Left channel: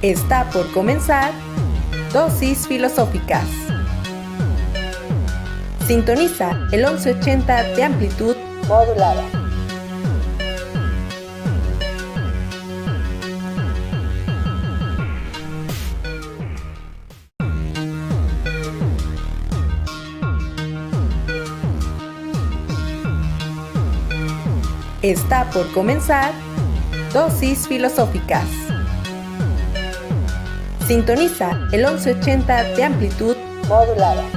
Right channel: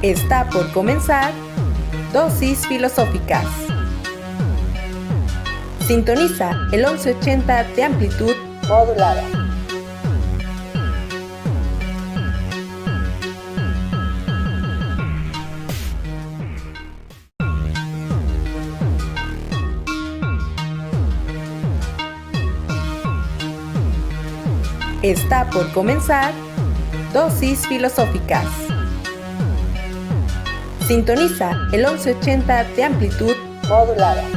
Está por comenzar Dosis Filosóficas. Sintoniza el 1180 de amplitud modulada. Está por comenzar Dosis Filosóficas. Sintoniza el 1180 de amplitud modulada.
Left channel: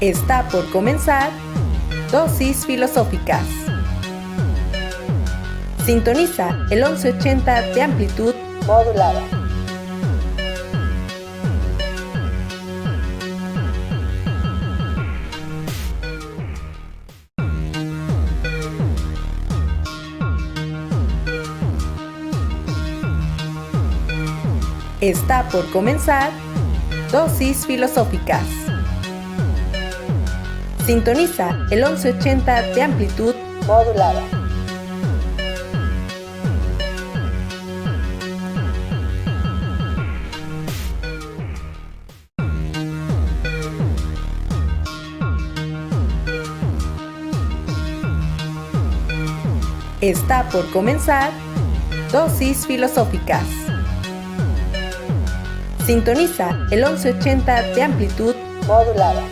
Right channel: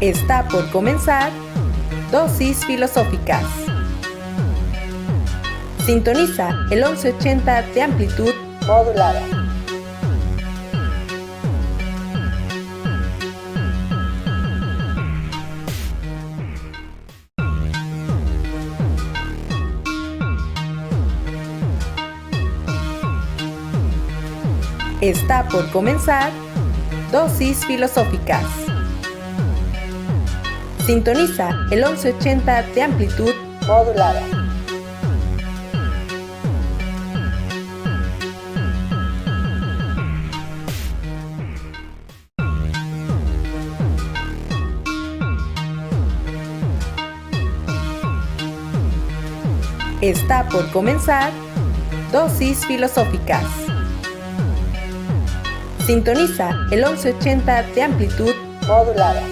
Está por comenzar Dosis Filosóficas. Sintoniza el 1180 de amplitud modulada. Está por comenzar Dosis Filosóficas. Sintoniza el 1180 de amplitud modulada. Está por comenzar Dosis Filosóficas. Sintoniza el 1180 de amplitud modulada.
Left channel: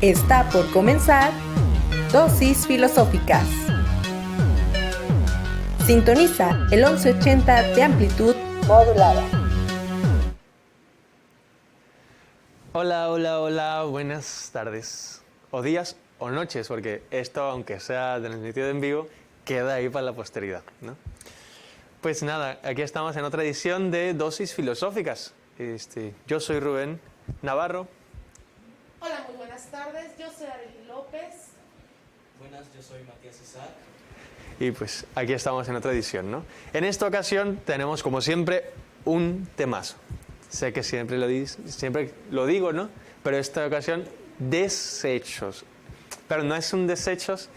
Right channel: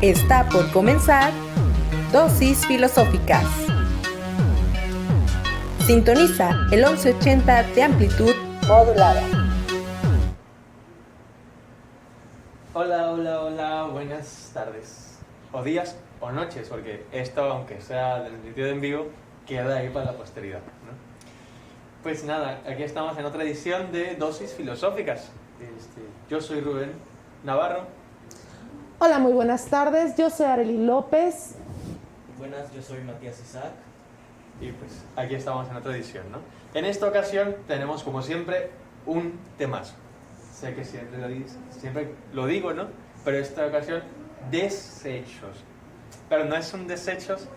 Está por comenzar Dosis Filosóficas. Sintoniza el 1180 de amplitud modulada. Hola, buenas tardes, o días o noches, porque esto, aunque sea transmitido en vivo, queda ahí para la posteridad, ¿no? Pues nada, aquí estamos en otra edición de Dosis Filosóficas. Yo soy Rubén Navarro. Hola, muy buenas tardes, yo soy Arely López. Buenas, yo soy Matías Isaac. Y pues aquí estamos en otra edición, ¿no? En esta ocasión tenemos, como siempre, un temazo. Sé que siempre lo digo, ¿no? Pero esta ocasión, desechos. Pero no es un desechos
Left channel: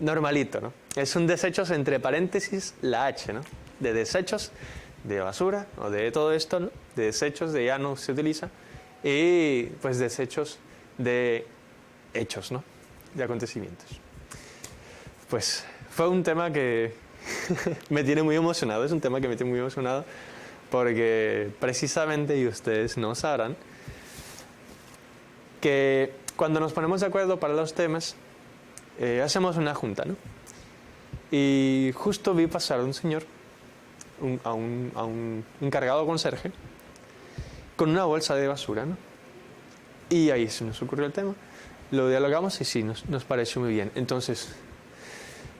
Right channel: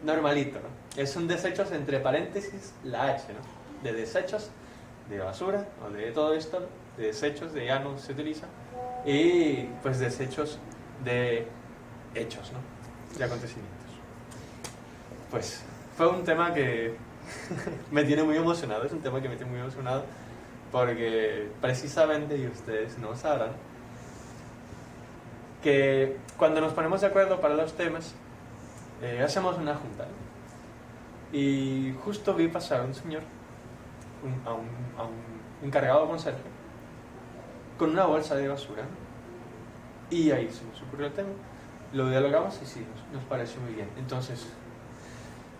normalito, ¿no? Es un desechos entre paréntesis la H, ¿no? De desechos, de basura, o de todo esto, ¿no? De desechos, de ya no se utiliza. Y pues desechos de hechos, ¿no? De acontecimientos. Pues fue un tema que me tiene muy emocionado, es un tema que me tiene muy emocionado porque precisamente, y ustedes no sabrán, que cuando nos ponemos de acuerdo para los temas, hacemos una junta, ¿no? Y justo vi pasar a un señor, a un encargado conserje, con una bolsa de basura, ¿no? Y ahí se nos ocurrió el tema, lo dialogamos y sí, nos pareció muy bien. Entonces,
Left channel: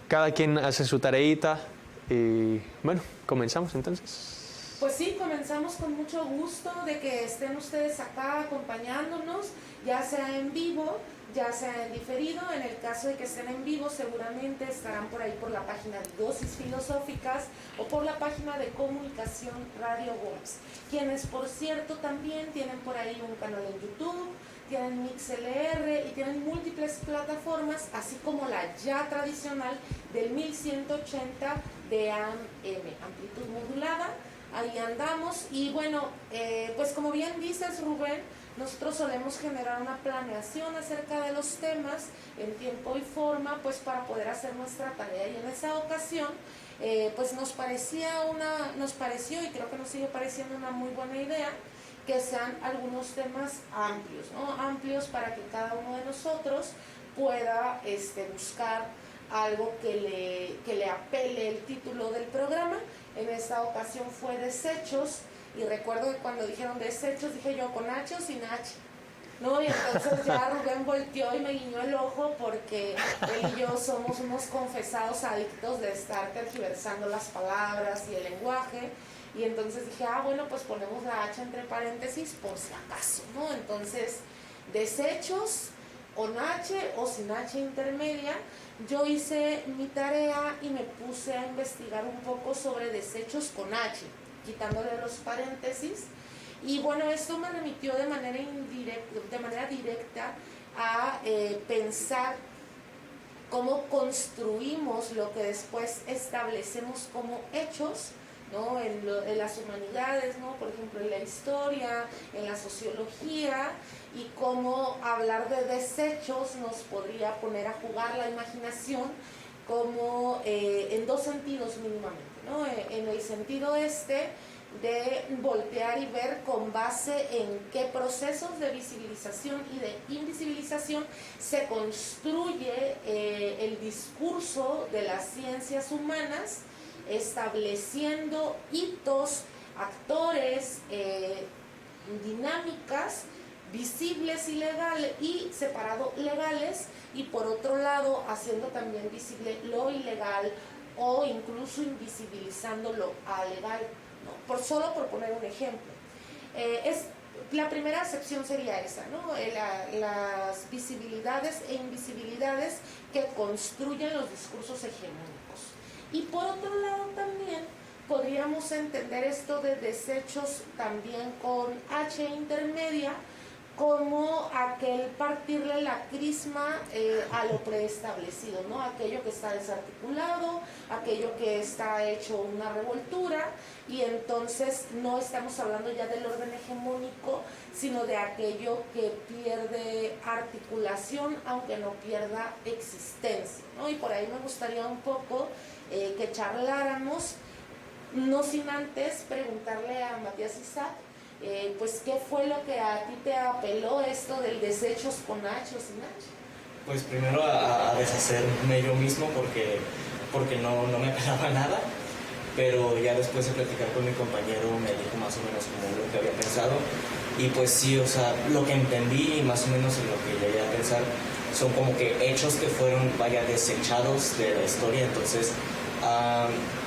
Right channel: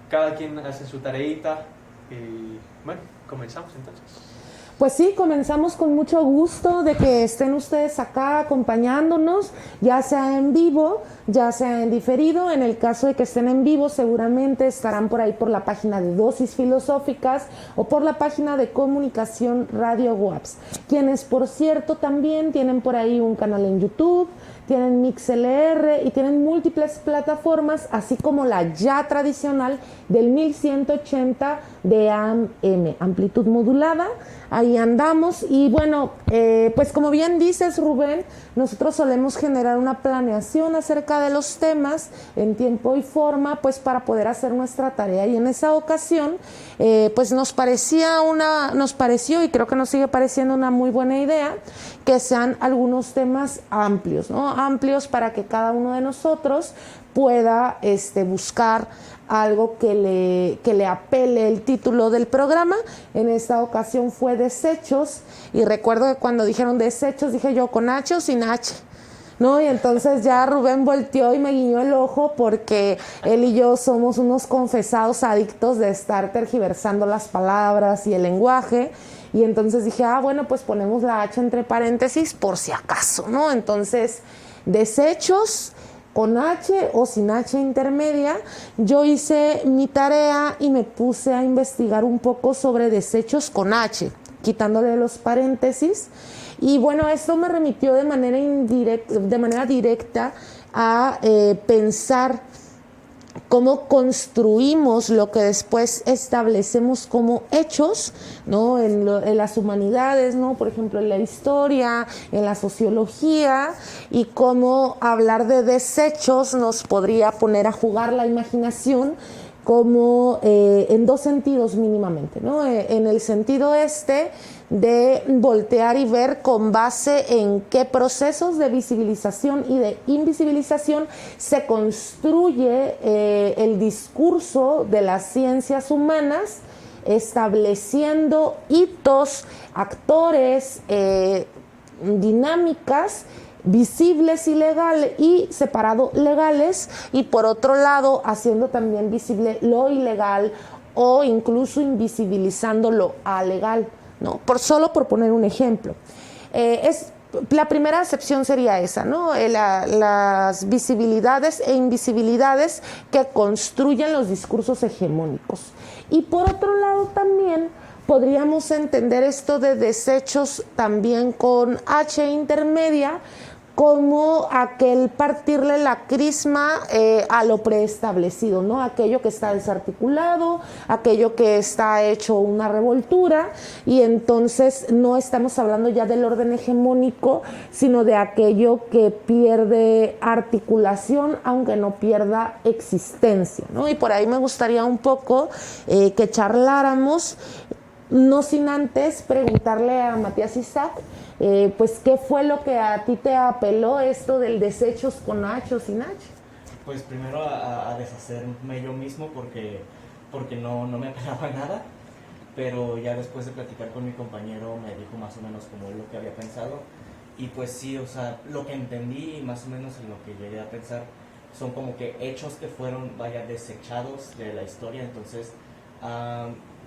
cada quien hace su tareita y bueno, comenzamos entonces. Pues sí, comenzamos con mucho gusto de que estén ustedes acá acompañándonos, ya sea en vivo, ya sea en diferido. En el caso de que estén en vivo, seguramente estarán por ahí por la página de Dosis Filosóficas o por la página de Comunicación Radio WAPS, quienes por cierto también tienen por ahí un canal en YouTube, tienen MixLR y tienen múltiples plataformas, así como la ya tradicional del 1180 de AM, amplitud modulada. Ahí andamos y bueno, pues como bien dices, Rubén, nosotros solemos generar una planeación acerca de los temas en tiempo y forma, pues para poder hacer nuestra tarea, y en esa ocasión pues nos pareció y creo que nos sigue pareciendo una muy buena idea que sean algunos temas amplios, ¿no? Amplios para que cada uno de nosotros pueda buscar algo que le apele el título del programa. En esta ocasión fue desechos, y recuerdo que cuando dijeron desechos dije yo con H o sin H, ¿no? Y entonces ya Rubén volteó y me guiñó el ojo porque él y yo somos unos confesados adictos de estar tergiversando las palabras y el lenguaje. Y entonces dije, bueno, pues ponemos la H entre paréntesis por si acaso, ¿no? Entonces, desechos con H o sin H intermedia. Yo hice mi tarea y me puse a investigar un poco sobre desechos con H, quitándole los paréntesis. Y bueno, esto me remitió de manera directa a pensar cómo construimos lo que después establecemos como hechos, ¿no? En las humanidades, ¿no? Por ejemplo, en la historia, en la sociología, y cómo hablar de desechos nos podría poner a jugar la imaginación como en dos sentidos mínimamente, ¿no? En el sentido de voltear y ver con base en qué procesos de visibilización y de invisibilización se construye el discurso de las ciencias humanas, estableciendo hitos, actores, dinámicas visibles y separado legales, y por otro lado haciendo también visible lo ilegal o incluso invisibilizando lo alegal, ¿no? Solo por poner un ejemplo. La primera acepción sería esa, ¿no? Las visibilidades e invisibilidades que construyen los discursos hegemónicos. Y por otro lado también podríamos entender esto de desechos también con H intermedia, como aquel partirle la crisma a lo preestablecido, ¿no? Aquello que está desarticulado, aquello que está hecho una revoltura, y entonces no estamos hablando ya del orden hegemónico, sino de aquello que pierde articulación, aunque no pierda existencia, ¿no? Y por ahí me gustaría un poco que charláramos, no sin antes preguntarle a Matías Isaac, pues ¿qué fue lo que a ti te apeló esto del desechos con H o sin H? Pues primero a deshacerme yo mismo porque no me apelaba nada, pero ya después de platicar con mi compañero me dijo más o menos como lo que había pensado, y pues sí, o sea, lo que entendí y más o menos en lo que llegué a pensar son como que hechos que fueron, desechados de la historia. Entonces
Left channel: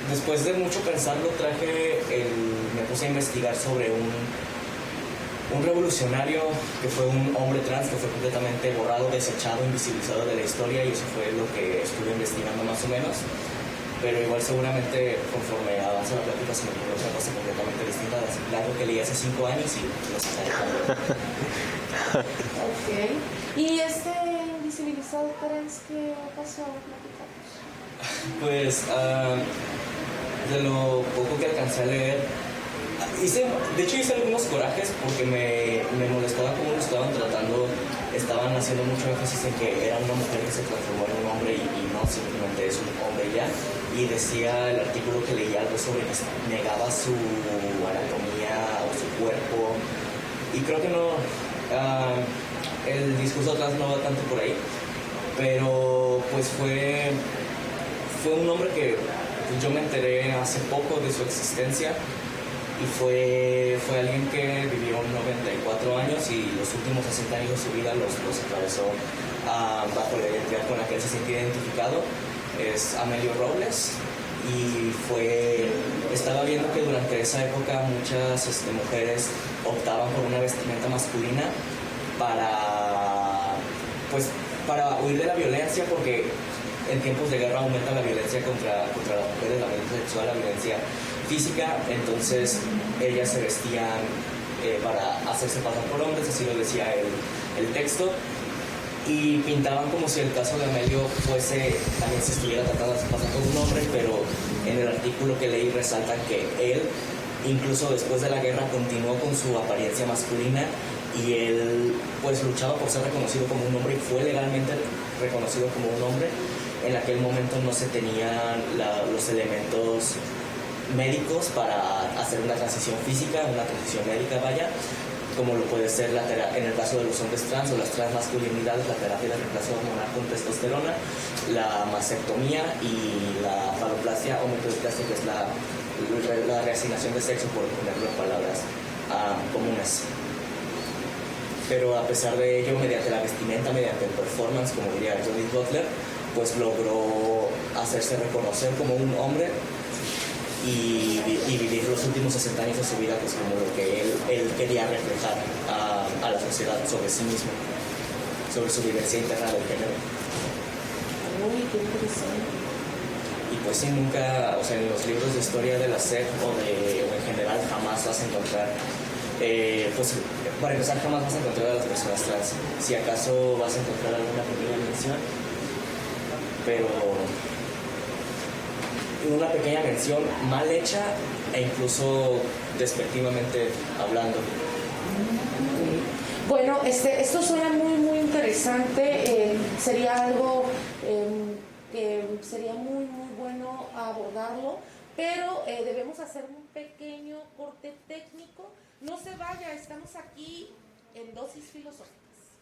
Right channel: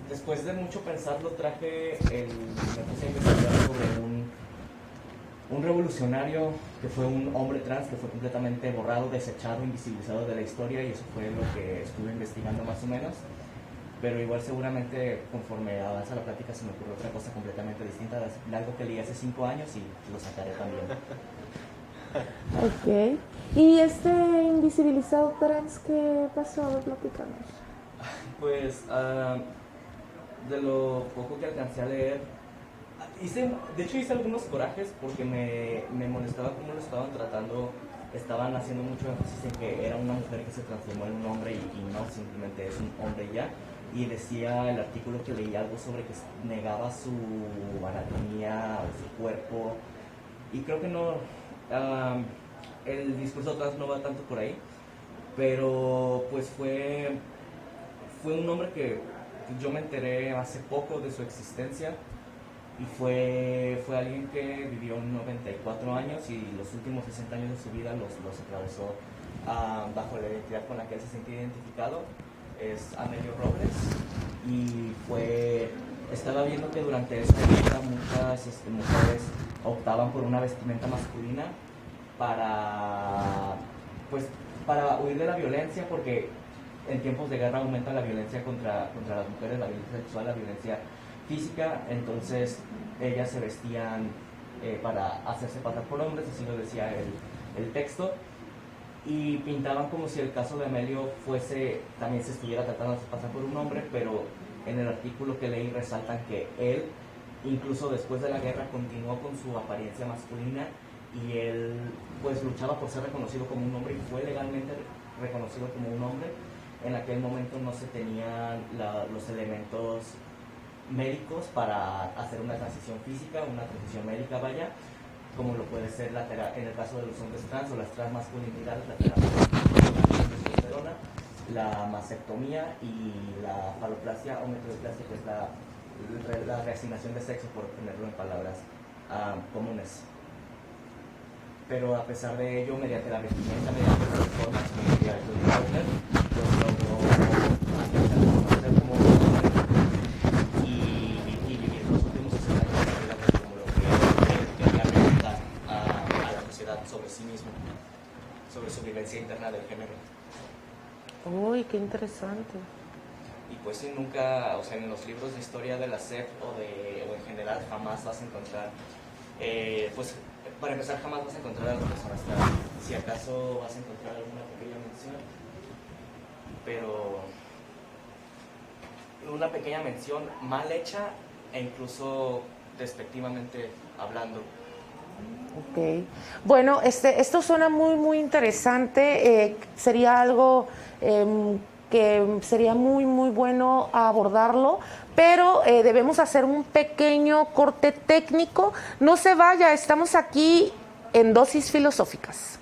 después de mucho pensarlo me puse a investigar sobre un revolucionario que fue un hombre trans que fue completamente borrado, desechado, invisibilizado de la historia, y eso fue lo que estuve investigando más o menos. Pero igual seguramente conforme avanza la plática se me ocurre otra cosa completamente distinta de algo que leí hace 5 años y lo sé. Ok. ¿Y este invisibilizado trans qué pasó? Platicamos. Pues de lo poco que alcancé a leer, de hecho hice algunos corajes porque me molestaba cómo lo estaban tratando. Estaban haciendo mucho énfasis en que era una mujer que se transformó en un hombre y no, simplemente es un hombre ya. Y decía el artículo que leí algo sobre que negaba su anatomía o su cuerpo, y creo que no, el discurso atrás no va tanto por ahí, pero pues fue un hombre que yo me enteré hace poco de su existencia, y fue alguien que vivió 94 años y los últimos 60 años de su vida los atravesó bajo la identidad con la que él se sentía identificado. Es Amelio Robles, y estaba viendo que durante esa época muchas mujeres optaban por una vestimenta masculina para huir de la violencia, porque en tiempos de guerra aumenta la violencia contra las mujeres, la violencia sexual, la violencia física. Entonces ellas se vestían para hacerse pasar por hombres, así lo decía el texto, y pintaban como si el caso de Amelio también se estuviera tratando de hacer pasar por un hombre, pero en el artículo que leí resaltan que él, incluso después de la guerra, continuó con su apariencia masculina, y él pues luchaba por ser reconocido como un hombre y fue legalmente reconocido como un hombre. En aquel momento no se tenían los elementos médicos para hacer una transición física, una transición médica, como lo puede ser en el caso de los hombres trans o las transmasculinidades, la terapia de reemplazo de testosterona, la mastectomía y la faloplastia o metrosexual, que es la reasignación de sexo, por ponerlo en palabras comunes. Pero a pesar de ello, mediante la vestimenta, mediante el performance, como diría Judith Butler, pues logró hacerse reconocer como un hombre y vivir los últimos 60 años de su vida, pues como lo que él quería reflejar a la sociedad sobre sí mismo, sobre su vivencia interna del género. Uy, qué interesante. Y pues sí, nunca, o sea, en los libros de historia de la SEP o en general jamás vas a encontrar, pues para empezar jamás vas a encontrar a las personas trans. Si acaso vas a encontrar alguna pequeña mención, pero una pequeña mención mal hecha e incluso despectivamente hablando. Okay. Bueno, esto suena muy, muy interesante. Sería algo que sería muy, muy bueno abordarlo, pero debemos hacer un pequeño corte técnico. No se vaya, estamos aquí en Dosis Filosóficas.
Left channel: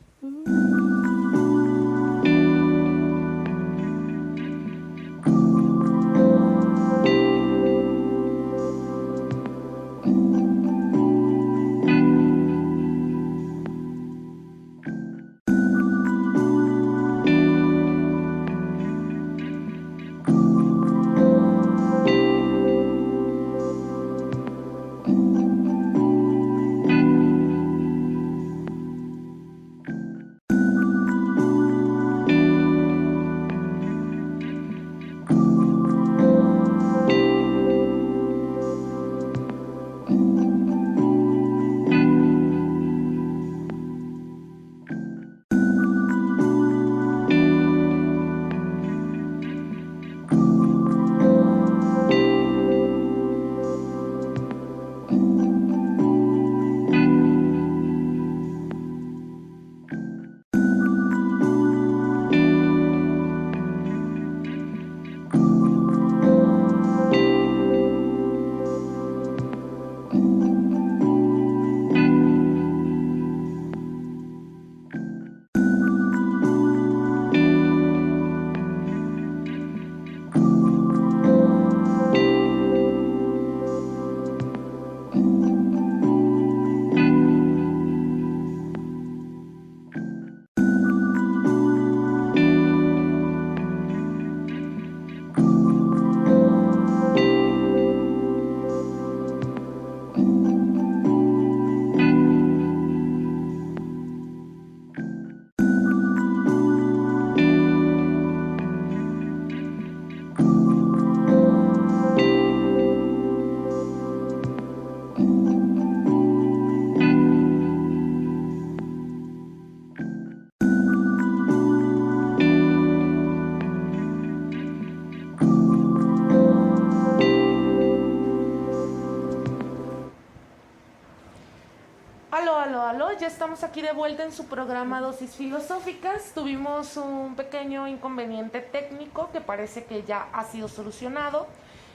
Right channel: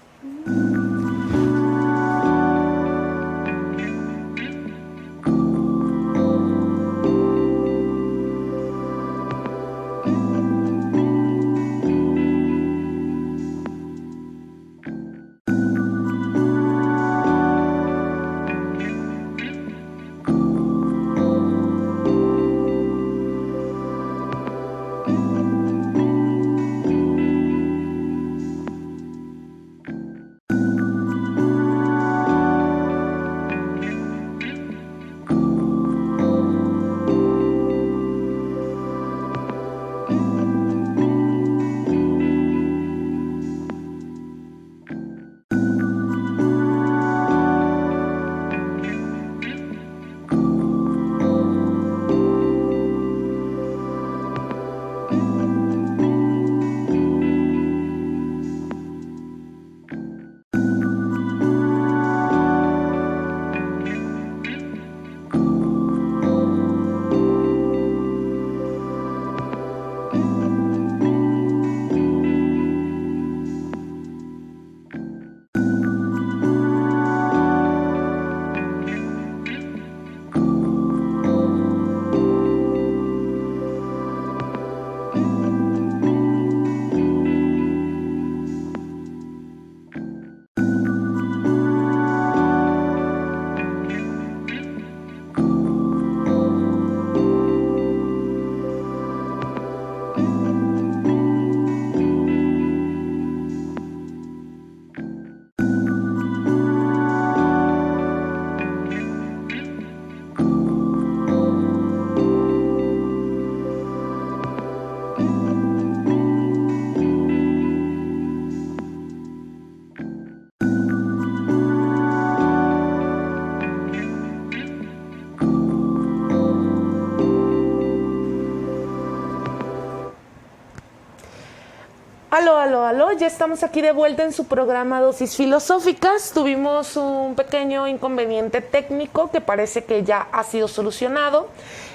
Aló, ya estamos aquí de vuelta en su programa Dosis Filosóficas. Tuvimos un pequeño inconveniente técnico que parece que ya ha sido solucionado.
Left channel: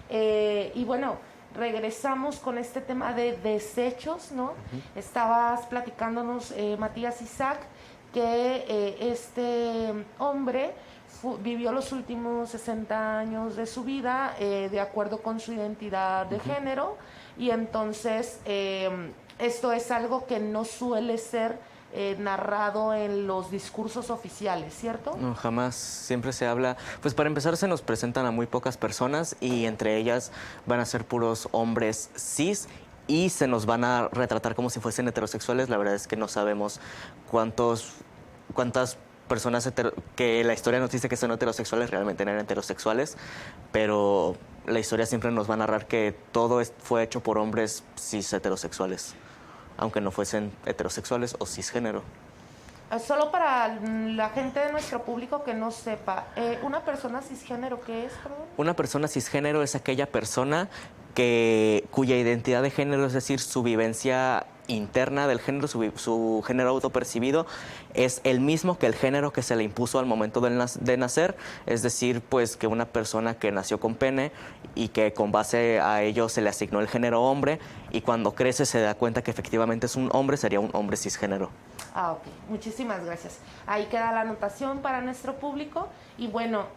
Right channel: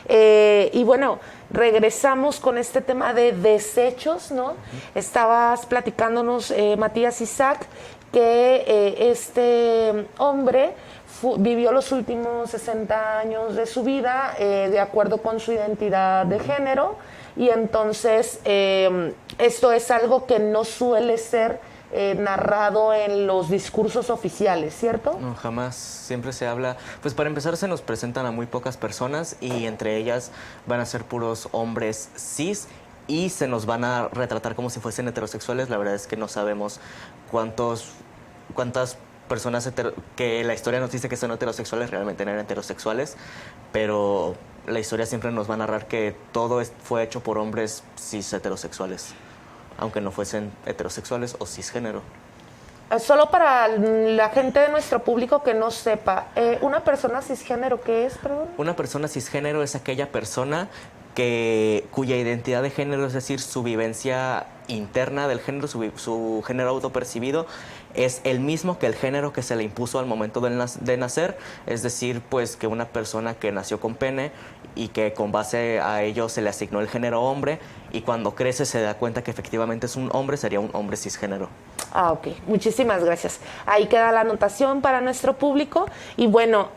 Y bueno, regresamos con este tema de desechos, ¿no? Estabas platicándonos, Matías Isaac, que este hombre vivió los últimos 60 años de su vida de acuerdo con su identidad de género, y entonces esto es algo que no suele ser narrado en los discursos oficiales, ¿cierto? No, jamás. Siempre se habla, pues para empezar se nos presentan a muy pocas personas y entre ellas van a ser puros hombres cis y se nos van a retratar como si fuesen heterosexuales. La verdad es que no sabemos cuántas personas que la historia nos dice que son heterosexuales realmente eran heterosexuales, pero la historia siempre nos va a narrar que todo fue hecho por hombres cis heterosexuales, aunque no fuesen heterosexuales o cisgénero. Solo para la gente de nuestro público que no sepa, ¿una persona cisgénero qué es, perdón? Una persona cisgénero es aquella persona cuya identidad de género, es decir, su vivencia interna del género, su género autopercibido, es el mismo que el género que se le impuso al momento de nacer, es decir, pues que una persona que nació con pene y que con base a ello se le asignó el género hombre y cuando crece se da cuenta que efectivamente es un hombre, sería un hombre cisgénero. Ah, ok. Muchísimas gracias. Ahí queda la anotación para nuestro público. Y bueno,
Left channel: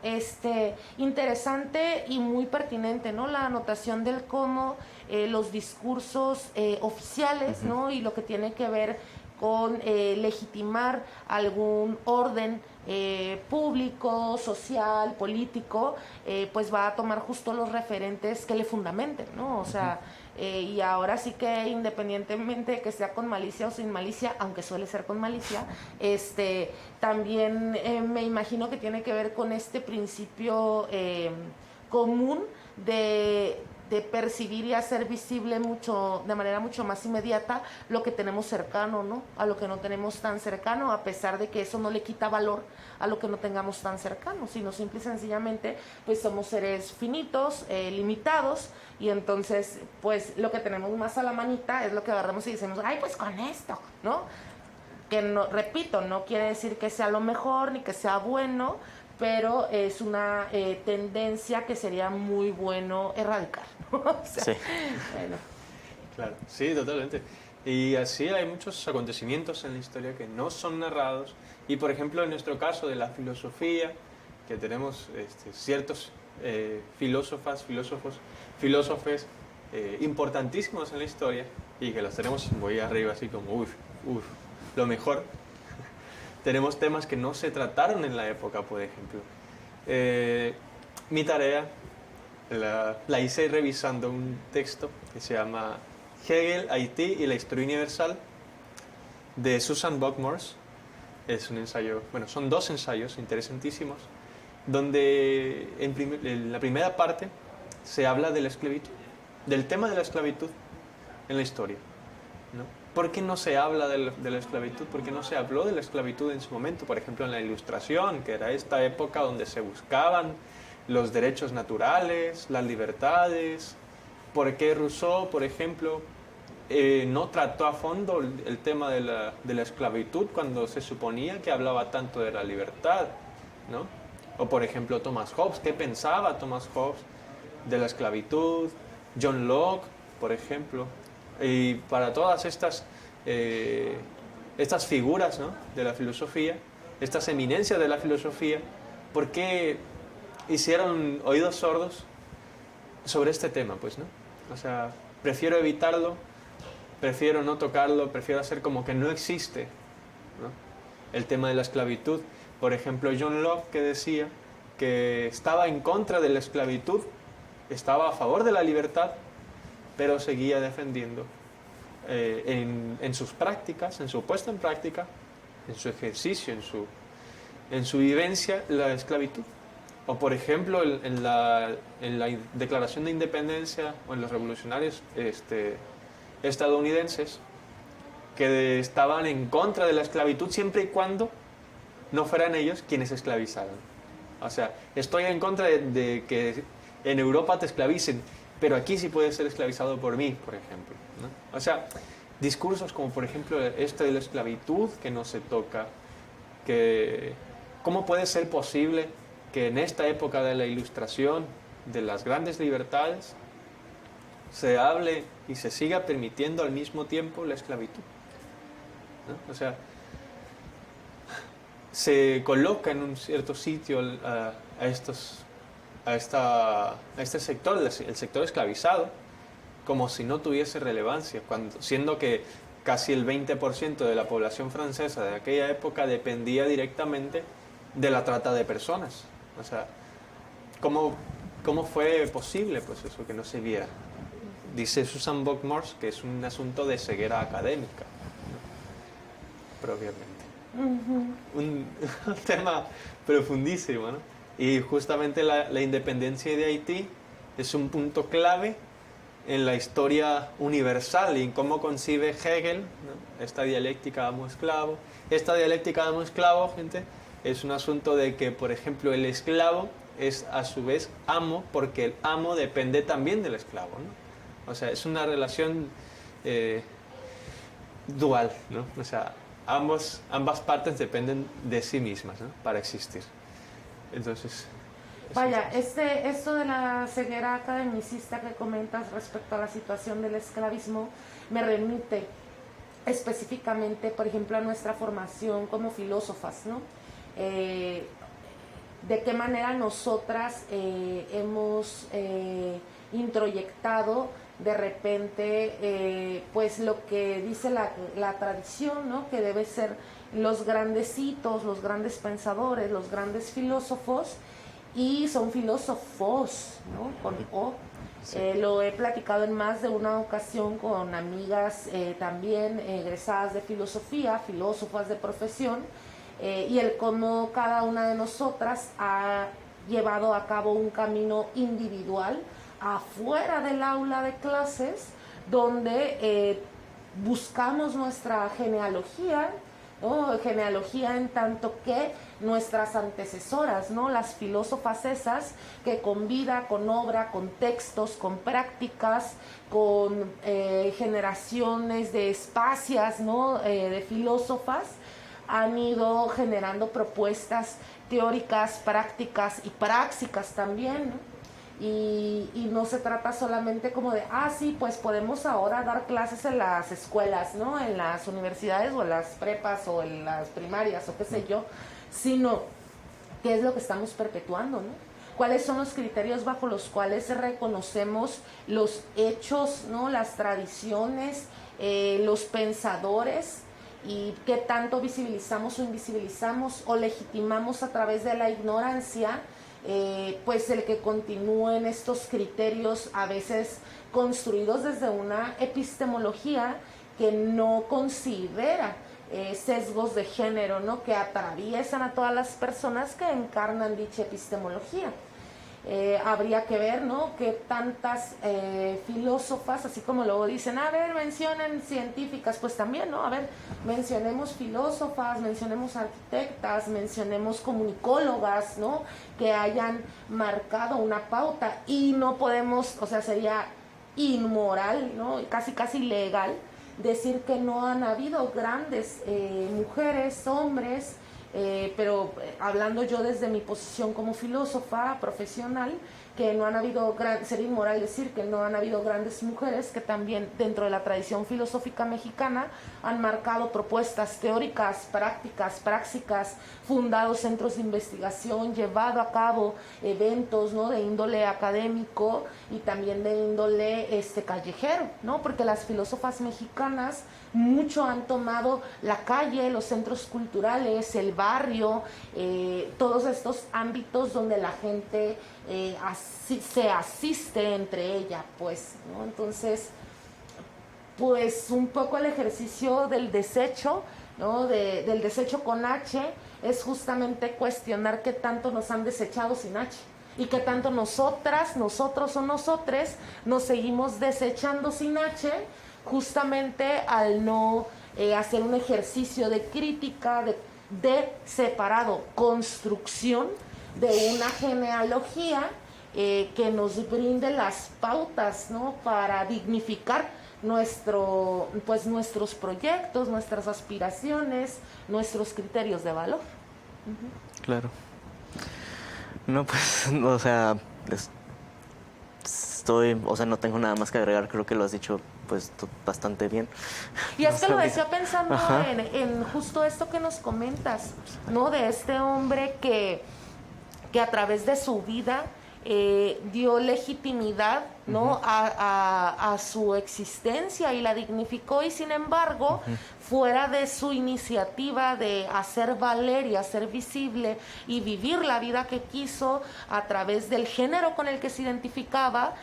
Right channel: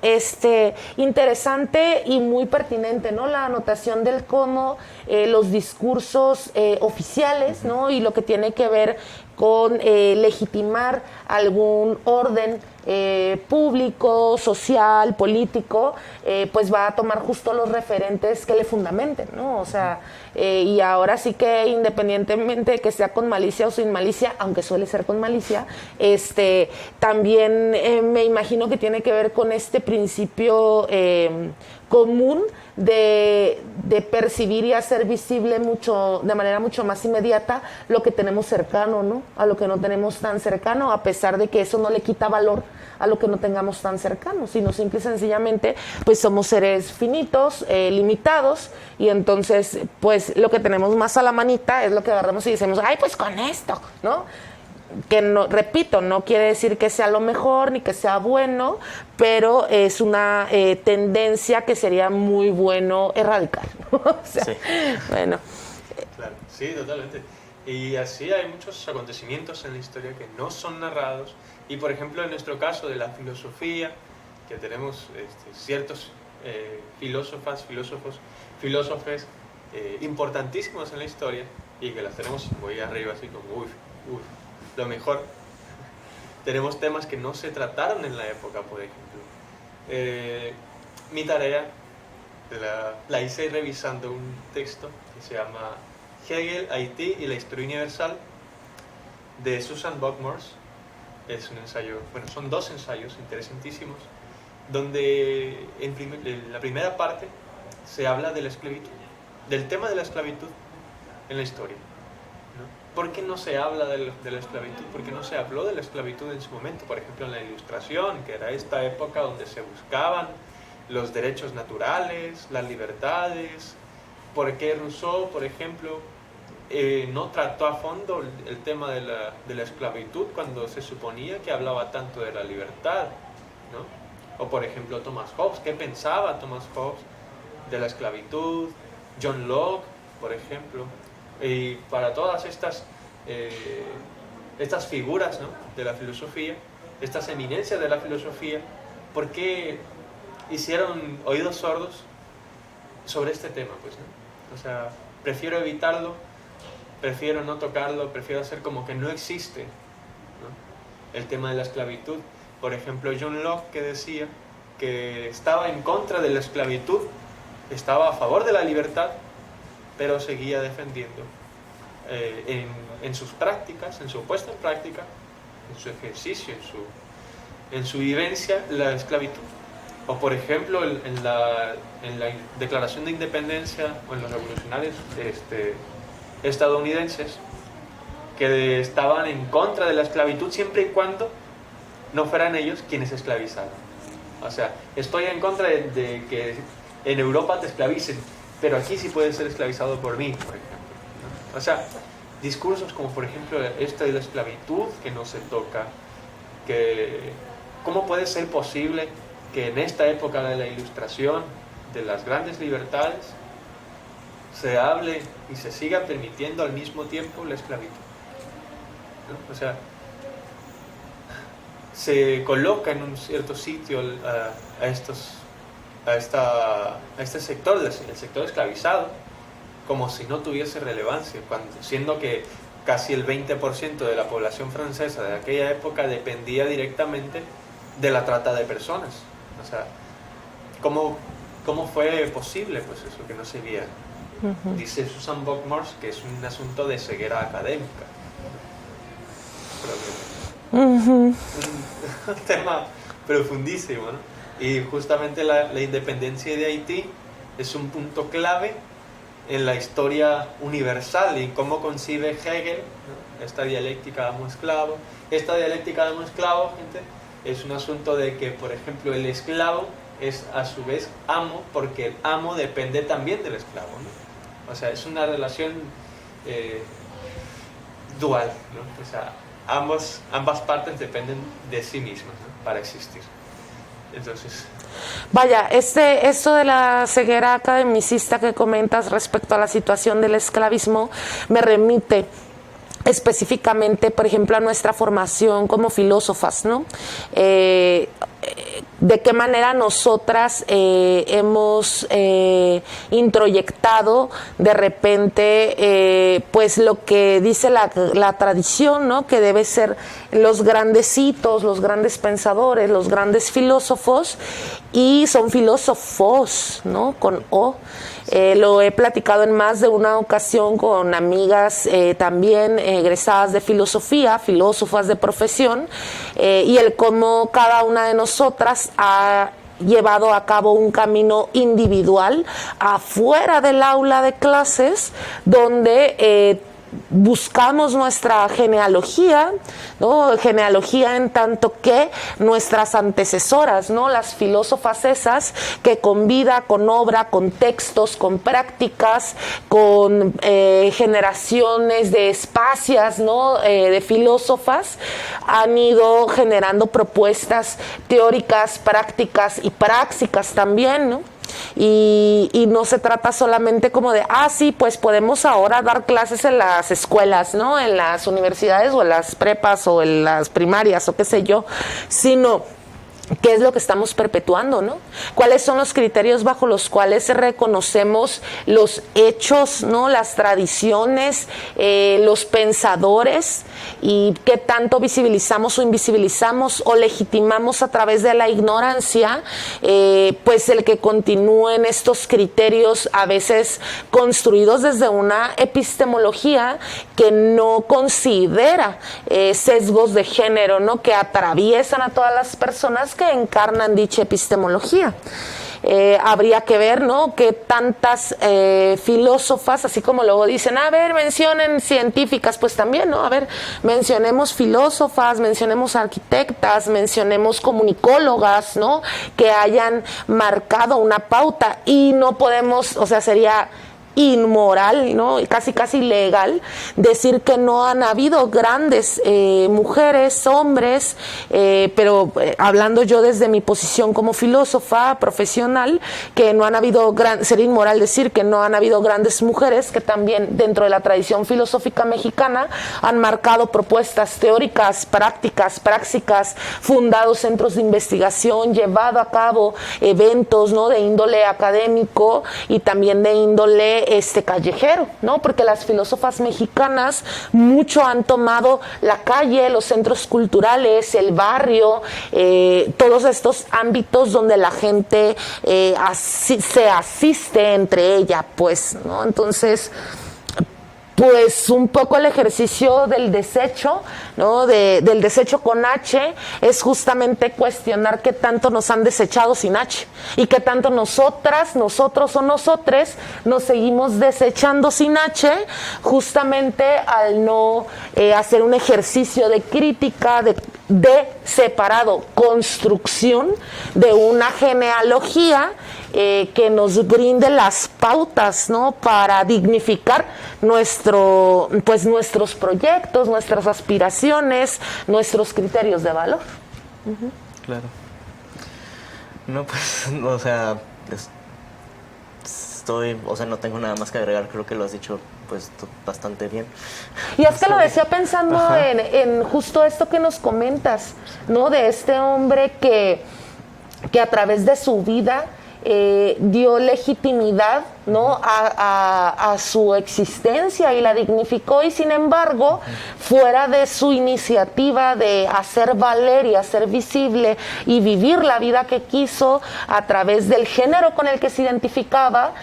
interesante y muy pertinente, ¿no? La anotación del cómo los discursos oficiales, ¿no? Y lo que tiene que ver con legitimar algún orden público, social, político, pues va a tomar justo los referentes que le fundamenten, ¿no? O sea, y ahora sí que independientemente de que sea con malicia o sin malicia, aunque suele ser con malicia, también me imagino que tiene que ver con este principio común de percibir y hacer visible de manera mucho más inmediata lo que tenemos cercano, ¿no? A lo que no tenemos tan cercano, a pesar de que eso no le quita valor a lo que no tengamos tan cercano, sino simple y sencillamente pues somos seres finitos, limitados, y entonces pues lo que tenemos más a la manita es lo que agarramos y decimos, ay, pues con esto, ¿no? Que no, repito, no quiere decir que sea lo mejor ni que sea bueno, pero es una tendencia que sería muy bueno erradicar, ¿no? O sea, Sí. bueno. Claro, sí, totalmente. Y así hay muchos acontecimientos en la historia que no son narrados. Y por ejemplo, en nuestro caso de la filosofía, que tenemos ciertos filósofos importantísimos en la historia, y que las tenemos muy arriba, así como, lo mejor. Tenemos temas que no se trataron en la época, por ejemplo. Mi tarea la hice revisando un texto que se llama Hegel, Haití y la historia universal, de Susan Buck-Morss. Es un ensayo, bueno, son dos ensayos interesantísimos, donde en la primera parte se habla de la esclavitud, del tema de la esclavitud en la historia, ¿no? ¿Por qué no se habla de la esclavitud? ¿Por qué no se habló de la esclavitud en su momento? Por ejemplo, en la Ilustración, que era esta época donde se buscaban los derechos naturales, las libertades. ¿Por qué Rousseau, por ejemplo, no trató a fondo el tema de la esclavitud cuando se suponía que hablaba tanto de la libertad, ¿no? O por ejemplo Thomas Hobbes, ¿qué pensaba Thomas Hobbes de la esclavitud? John Locke, por ejemplo. Y para todas estas figuras, ¿no?, de la filosofía, estas eminencias de la filosofía, ¿por qué hicieron oídos sordos sobre este tema? Pues, ¿no? O sea, prefiero evitarlo, prefiero no tocarlo, prefiero hacer como que no existe, ¿no?, el tema de la esclavitud. Por ejemplo, John Locke, que decía que estaba en contra de la esclavitud, estaba a favor de la libertad, pero seguía defendiendo en sus prácticas, en su puesta en práctica, en su ejercicio, en su vivencia, la esclavitud. O por ejemplo, en la Declaración de Independencia, o en los revolucionarios estadounidenses, que estaban en contra de la esclavitud siempre y cuando no fueran ellos quienes esclavizaran. O sea, estoy en contra de que en Europa te esclavicen, pero aquí sí puedes ser esclavizado por mí, por ejemplo, ¿no? O sea, discursos como por ejemplo esta de la esclavitud que no se toca, que ¿cómo puede ser posible que en esta época de la Ilustración, de las grandes libertades, se hable y se siga permitiendo al mismo tiempo la esclavitud, ¿no? O sea, se coloca en un cierto sitio a este sector, el sector esclavizado, como si no tuviese relevancia, siendo que casi el 20% de la población francesa de aquella época dependía directamente de la trata de personas. O sea, ¿cómo fue posible pues eso, que no se viera? Uh-huh. Dice Susan Buck-Morss que es un asunto de ceguera académica. Uh-huh. Un tema profundísimo, ¿no? Y justamente la independencia de Haití es un punto clave en la historia universal y en cómo concibe Hegel, ¿no?, esta dialéctica amo-esclavo. Esta dialéctica amo-esclavo, gente, es un asunto de que, por ejemplo, el esclavo es a su vez amo, porque el amo depende también del esclavo, ¿no? O sea, es una relación dual, ¿no? O sea, ambas partes dependen de sí mismas, ¿no?, para existir. Entonces, vaya, esto de la ceguera academicista que comentas respecto a la situación del esclavismo me remite específicamente, por ejemplo, a nuestra formación como filósofas, ¿no? de qué manera nosotras hemos introyectado de repente pues lo que dice la tradición, ¿no? Que debe ser los grandecitos, los grandes pensadores, los grandes filósofos, y son filósofos, ¿no? Con O. Lo he platicado en más de una ocasión con amigas también egresadas de filosofía, filósofas de profesión, y el cómo cada una de nosotras ha llevado a cabo un camino individual afuera del aula de clases, donde buscamos nuestra genealogía, ¿no? Genealogía en tanto que nuestras antecesoras, ¿no? Las filósofas esas que con vida, con obra, con textos, con prácticas, con generaciones de espacias, ¿no? De filósofas, han ido generando propuestas teóricas, prácticas y prácticas también, ¿no? Y no se trata solamente como de, sí, pues podemos ahora dar clases en las escuelas, ¿no? En las universidades o en las prepas o en las primarias o qué sé yo, sino ¿qué es lo que estamos perpetuando, no? ¿Cuáles son los criterios bajo los cuales reconocemos los hechos, ¿no? Las tradiciones, los pensadores, y qué tanto visibilizamos o invisibilizamos o legitimamos a través de la ignorancia, pues el que continúen estos criterios a veces construidos desde una epistemología que no considera sesgos de género, ¿no? Que atraviesan a todas las personas que encarnan dicha epistemología. Habría que ver, ¿no? Que tantas filósofas, así como luego dicen, a ver, mencionen científicas, pues también, ¿no? A ver, mencionemos filósofas, mencionemos arquitectas, mencionemos comunicólogas, ¿no? Que hayan marcado una pauta, y no podemos, o sea, sería inmoral, ¿no? Casi ilegal decir que no han habido grandes mujeres, hombres, pero hablando yo desde mi posición como filósofa profesional, que no han habido sería inmoral decir que no han habido grandes mujeres que también dentro de la tradición filosófica mexicana han marcado propuestas teóricas, prácticas, prácticas, fundado centros de investigación, llevado a cabo eventos, ¿no? De índole académico y también de índole callejero, ¿no? Porque las filósofas mexicanas mucho han tomado la calle, los centros culturales, el barrio, todos estos ámbitos donde la gente se asiste entre ella, pues, ¿no? Entonces, pues un poco el ejercicio del desecho, ¿no? Del desecho con H es justamente cuestionar qué tanto nos han desechado sin H y qué tanto nosotras, nosotros o nosotres nos seguimos desechando sin H, justamente al no hacer un ejercicio de crítica, de separado, construcción de una genealogía que nos brinde las pautas, ¿no? Para dignificar nuestros proyectos, nuestras aspiraciones, nuestros criterios de valor. Claro. No, pues, o sea, no tengo nada más que agregar, creo que lo has dicho pues bastante bien. Y es que lo decía pensando en justo esto que nos comentas, ¿no? De este hombre que a través de su vida dio legitimidad, ¿no? a su existencia y la dignificó, y sin embargo, fuera de su iniciativa de hacer valer y hacer visible y vivir la vida que quiso a través del género con el que se identificaba,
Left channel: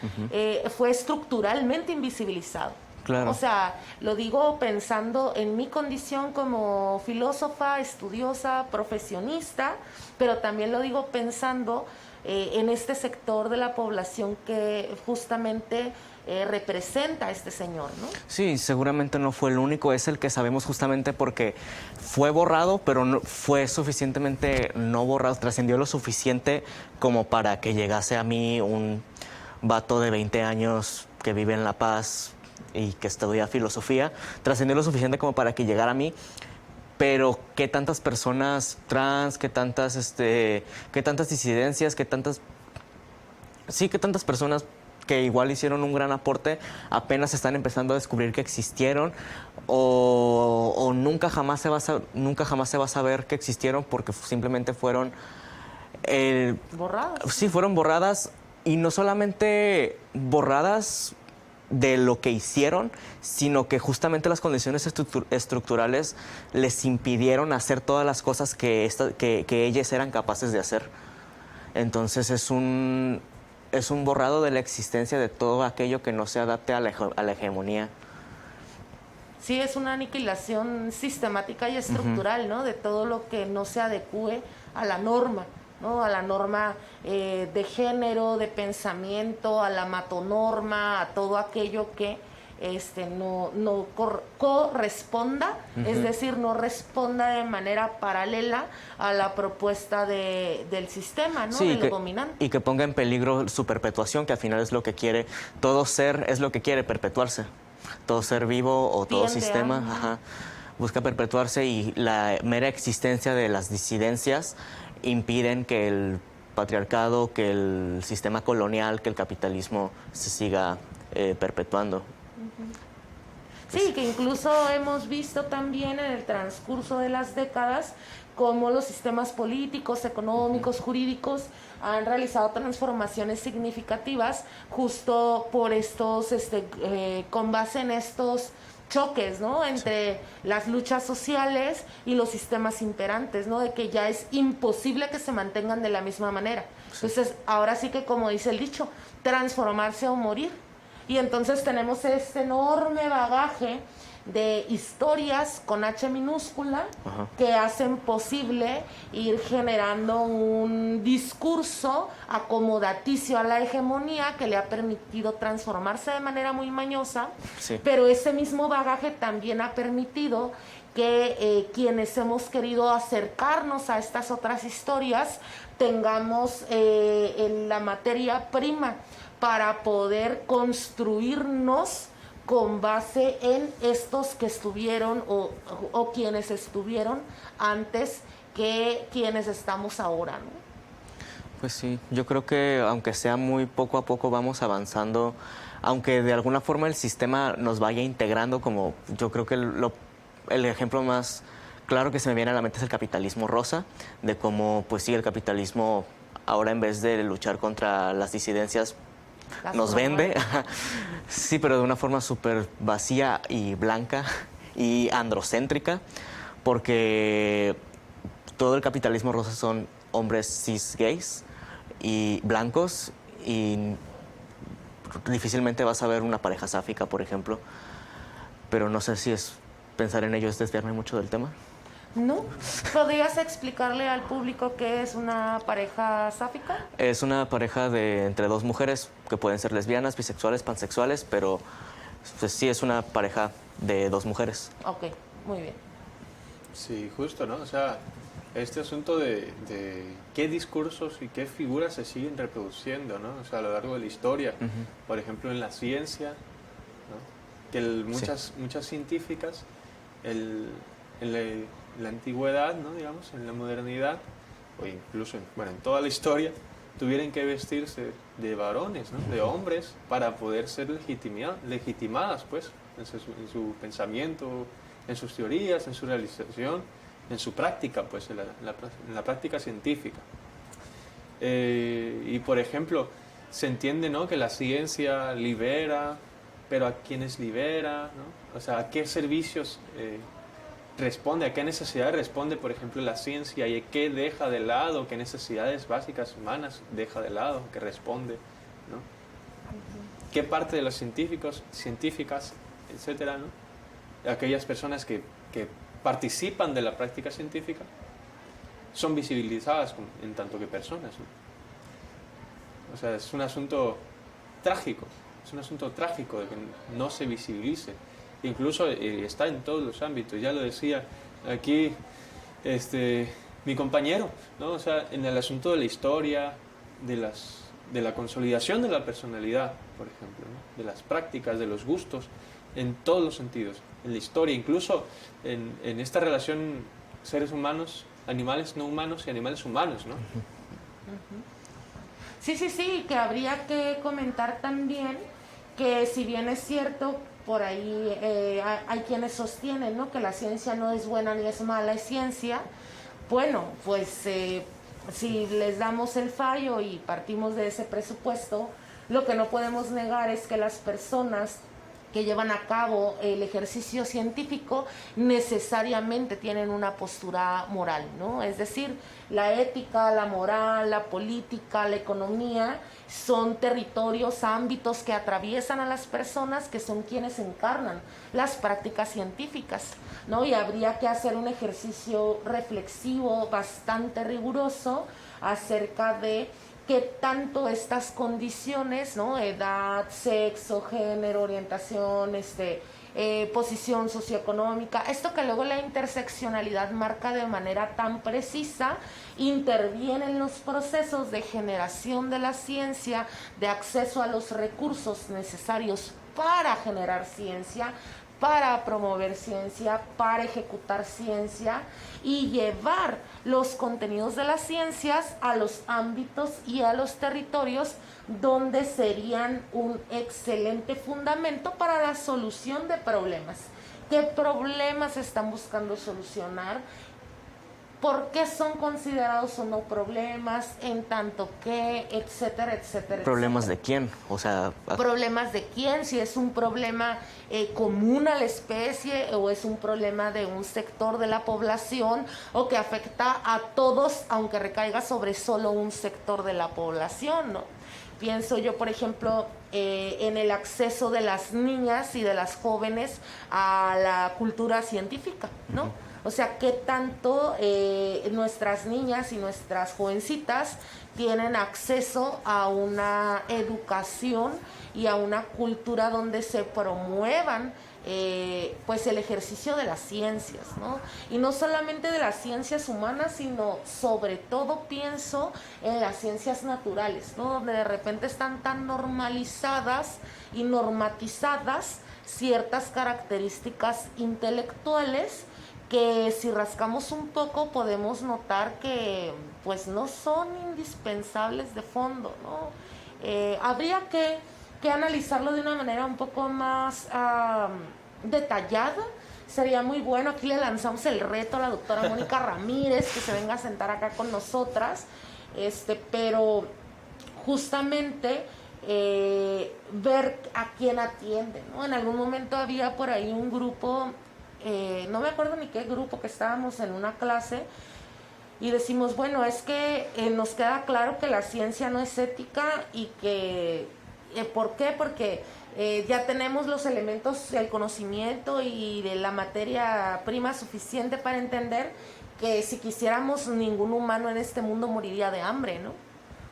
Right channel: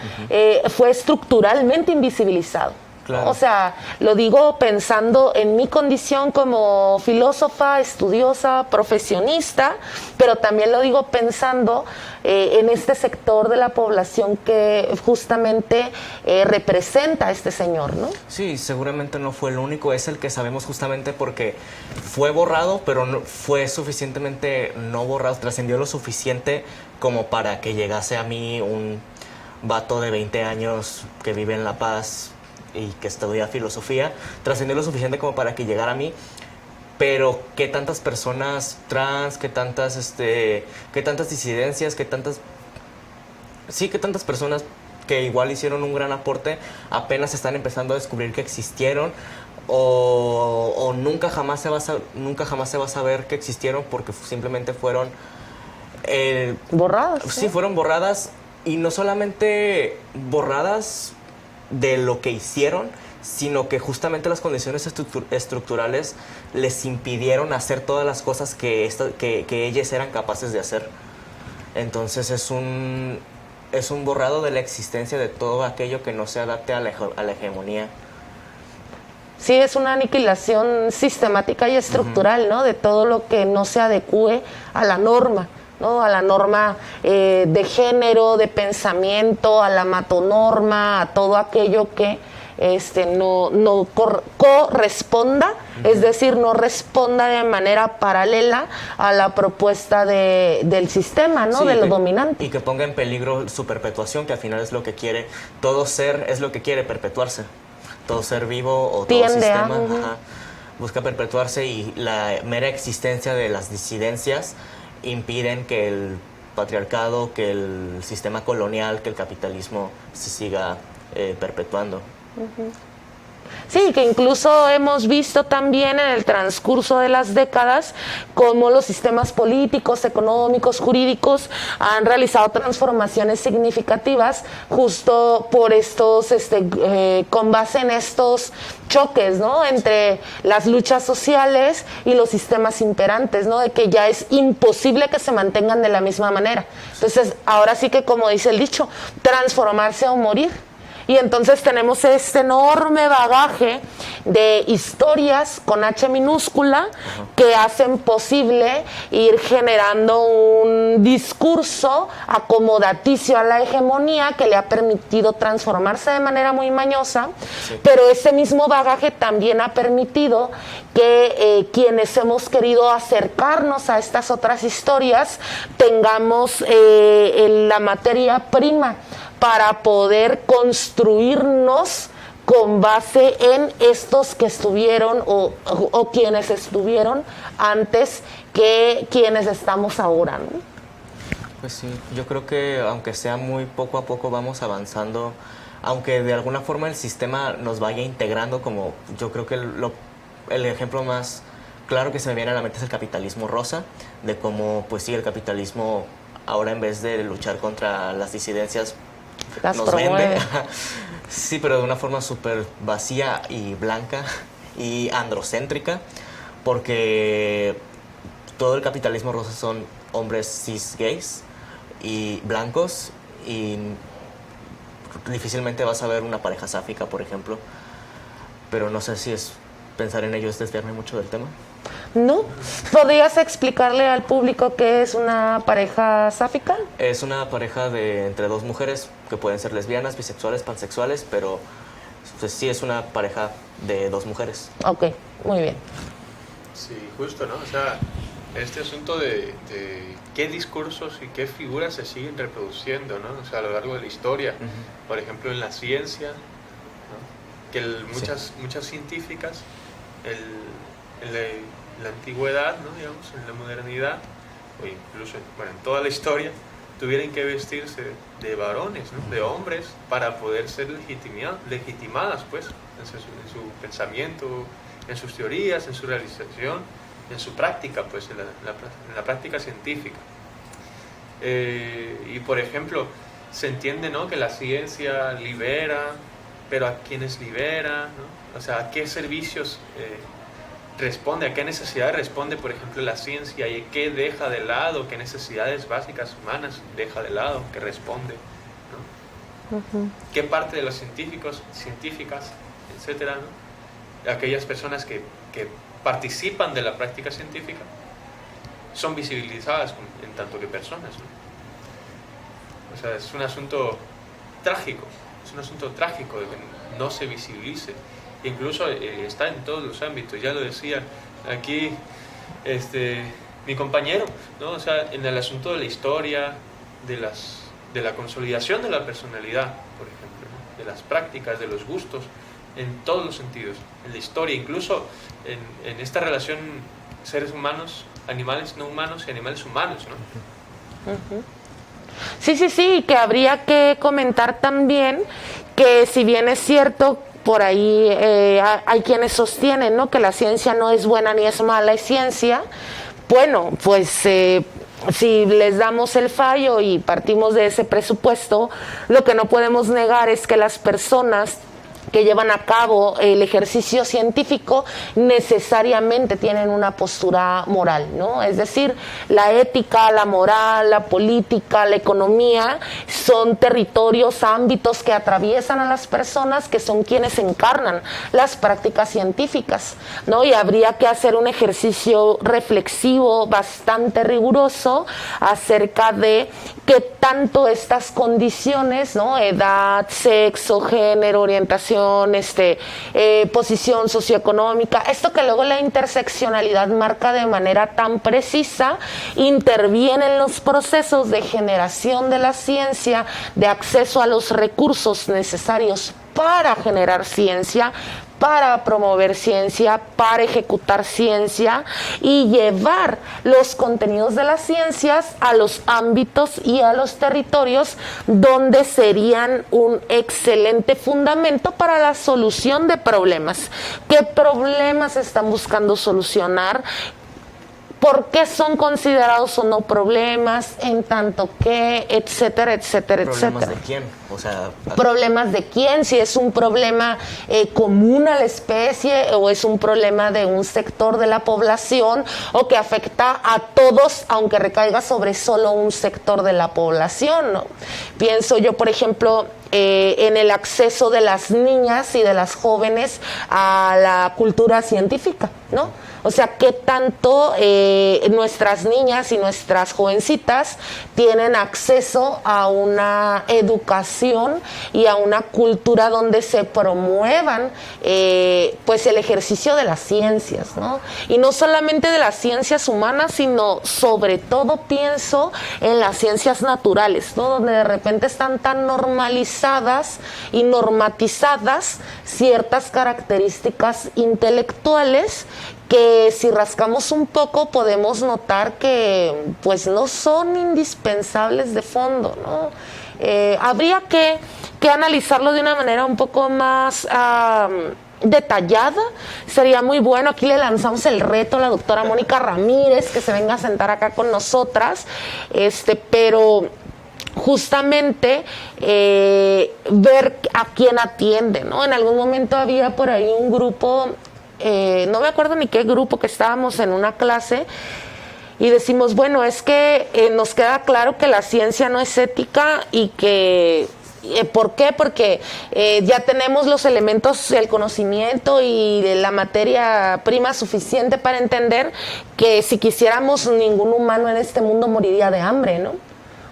fue estructuralmente invisibilizado. Claro. O sea, lo digo pensando en mi condición como filósofa, estudiosa, profesionista, pero también lo digo pensando en este sector de la población que justamente representa a este señor, ¿no? Sí, seguramente no fue el único, es el que sabemos justamente porque fue borrado, pero no, fue suficientemente no borrado, trascendió lo suficiente como para que llegase a mí un vato de 20 años que vive en La Paz y que estudia filosofía, trascendió lo suficiente como para que llegara a mí, pero qué tantas personas trans, qué tantas disidencias, qué tantas personas que igual hicieron un gran aporte apenas están empezando a descubrir que existieron, o nunca jamás se va a saber que existieron porque simplemente fueron Borradas. Sí, fueron borradas, y no solamente borradas de lo que hicieron, sino que justamente las condiciones estructurales les impidieron hacer todas las cosas que ellas eran capaces de hacer. Entonces es un borrado de la existencia de todo aquello que no se adapte a la hegemonía. Sí, es una aniquilación sistemática y estructural, ¿no? De todo lo que no se adecue a la norma, ¿no? A la norma de género, de pensamiento, a la matonorma, a todo aquello que no corresponda, es decir, no responda de manera paralela a la propuesta del sistema, ¿no? Sí, de lo dominante. Y que ponga en peligro su perpetuación, que al final es lo que quiere. Todo ser es lo que quiere perpetuarse. Todo ser vivo o todo sistema busca perpetuarse, y la mera existencia de las disidencias impiden que el patriarcado, que el sistema colonial, que el capitalismo se siga perpetuando. Sí, que incluso hemos visto también en el transcurso de las décadas cómo los sistemas políticos, económicos, jurídicos han realizado transformaciones significativas justo por estos, con base en estos choques, ¿no? Entre las luchas sociales y los sistemas imperantes, ¿no? De que ya es imposible que se mantengan de la misma manera. Entonces, ahora sí que, como dice el dicho, transformarse o morir. Y entonces tenemos este enorme bagaje de historias con H minúscula que hacen posible ir generando un discurso acomodaticio a la hegemonía que le ha permitido transformarse de manera muy mañosa, pero ese mismo bagaje también ha permitido que quienes hemos querido acercarnos a estas otras historias tengamos la materia prima para poder construirnos con base en estos que estuvieron o quienes estuvieron antes que quienes estamos ahora, ¿no? Pues sí, yo creo que aunque sea muy poco a poco vamos avanzando, aunque de alguna forma el sistema nos vaya integrando, como yo creo que el ejemplo más claro que se me viene a la mente es el capitalismo rosa, de cómo pues sí, el capitalismo ahora en vez de luchar contra las disidencias nos vende, sí, pero de una forma súper vacía y blanca y androcéntrica, porque todo el capitalismo rosa son hombres cis gays y blancos, y difícilmente vas a ver una pareja sáfica, por ejemplo, pero no sé si es pensar en ello es desviarme mucho del tema. ¿No? ¿Podrías explicarle al público qué es una pareja sáfica? Es una pareja entre dos mujeres que pueden ser lesbianas, bisexuales, pansexuales, pero pues, sí es una pareja de dos mujeres. Ok, muy bien. Sí, justo, ¿no? O sea, este asunto de qué discursos y qué figuras se siguen reproduciendo, ¿no? O sea, a lo largo de la historia. Por ejemplo, en la ciencia, ¿no? Que muchas científicas, la antigüedad, ¿no? Digamos, en la modernidad, o incluso en toda la historia, tuvieran que vestirse de varones, ¿no? De hombres, para poder ser legitimadas, pues, en su pensamiento, en sus teorías, en su realización, en su práctica, pues, en la práctica científica. Y, por ejemplo, se entiende, ¿no? Que la ciencia libera, pero ¿a quiénes libera, ¿no? O sea, ¿a qué servicios responde, a qué necesidades responde, por ejemplo, la ciencia, y qué deja de lado, qué necesidades básicas humanas deja de lado, que responde, ¿no? ¿Qué parte de los científicas, etcétera, ¿no? Aquellas personas que participan de la práctica científica son visibilizadas en tanto que personas, ¿no? O sea, es un asunto trágico de que no se visibilice. Incluso está en todos los ámbitos, ya lo decía aquí mi compañero, ¿no? O sea, en el asunto de la historia, de la consolidación de la personalidad, por ejemplo, ¿no? De las prácticas, de los gustos, en todos los sentidos, en la historia, incluso en esta relación seres humanos, animales no humanos y animales humanos, ¿no? Sí, que habría que comentar también que si bien es cierto, por ahí hay quienes sostienen, ¿no? Que la ciencia no es buena ni es mala, es ciencia. Bueno, pues si les damos el fallo y partimos de ese presupuesto, lo que no podemos negar es que las personas que llevan a cabo el ejercicio científico necesariamente tienen una postura moral, ¿no? Es decir, la ética, la moral, la política, la economía son territorios, ámbitos que atraviesan a las personas, que son quienes encarnan las prácticas científicas, ¿no? Y habría que hacer un ejercicio reflexivo bastante riguroso acerca de qué tanto estas condiciones, ¿no? Edad, sexo, género, orientación, posición socioeconómica, esto que luego la interseccionalidad marca de manera tan precisa, interviene en los procesos de generación de la ciencia, de acceso a los recursos necesarios para generar ciencia, para promover ciencia, para ejecutar ciencia y llevar los contenidos de las ciencias a los ámbitos y a los territorios donde serían un excelente fundamento para la solución de problemas. ¿Qué problemas están buscando solucionar? ¿Por qué son considerados o no problemas? En tanto que, etcétera, etcétera, ¿Problemas etcétera. de quién? O sea, ¿Problemas de quién? Si es un problema común a la especie o es un problema de un sector de la población o que afecta a todos, aunque recaiga sobre solo un sector de la población, ¿no? Pienso yo, por ejemplo, en el acceso de las niñas y de las jóvenes a la cultura científica, ¿no? O sea, ¿qué tanto nuestras niñas y nuestras jovencitas tienen acceso a una educación y a una cultura donde se promuevan pues el ejercicio de las ciencias, ¿no? Y no solamente de las ciencias humanas, sino sobre todo pienso en las ciencias naturales, ¿no? Donde de repente están tan normalizadas y normatizadas ciertas características intelectuales que si rascamos un poco podemos notar que pues no son indispensables de fondo, ¿no? Habría que analizarlo de una manera un poco más detallada. Sería muy bueno. Aquí le lanzamos el reto a la doctora Mónica Ramírez que se venga a sentar acá con nosotras, pero justamente ver a quién atiende, ¿no? En algún momento había por ahí un grupo, no me acuerdo ni qué grupo, que estábamos en una clase y decimos, bueno, es que nos queda claro que la ciencia no es ética y que ¿por qué? Porque ya tenemos los elementos, el conocimiento y la materia prima suficiente para entender que si quisiéramos ningún humano en este mundo moriría de hambre, ¿no?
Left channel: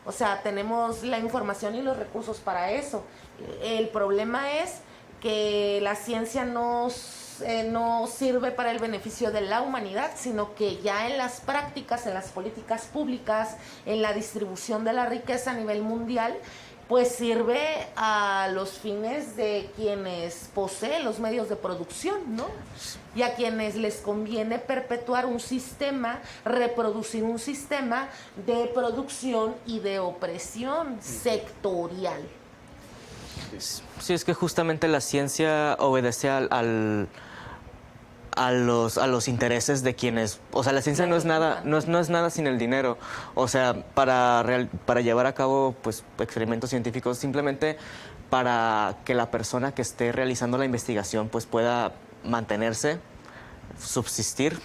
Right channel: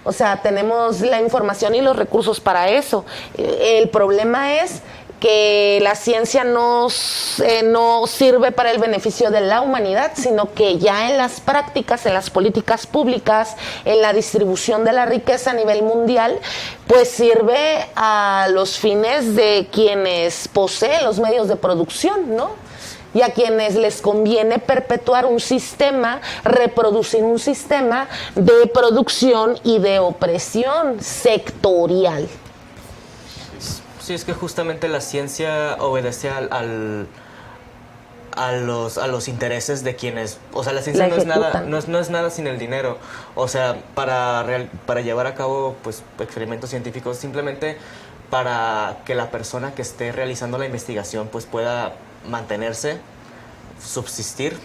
O sea, tenemos la información y los recursos para eso. El problema es que la ciencia no sirve para el beneficio de la humanidad, sino que ya en las prácticas, en las políticas públicas, en la distribución de la riqueza a nivel mundial, pues sirve a los fines de quienes poseen los medios de producción, ¿no? Y a quienes les conviene perpetuar un sistema, reproducir un sistema de producción y de opresión sectorial. Sí, es que justamente la ciencia obedece a los intereses de quienes, o sea, la ciencia no es nada sin el dinero. O sea, para llevar a cabo pues experimentos científicos, simplemente para que la persona que esté realizando la investigación pues pueda mantenerse, subsistir,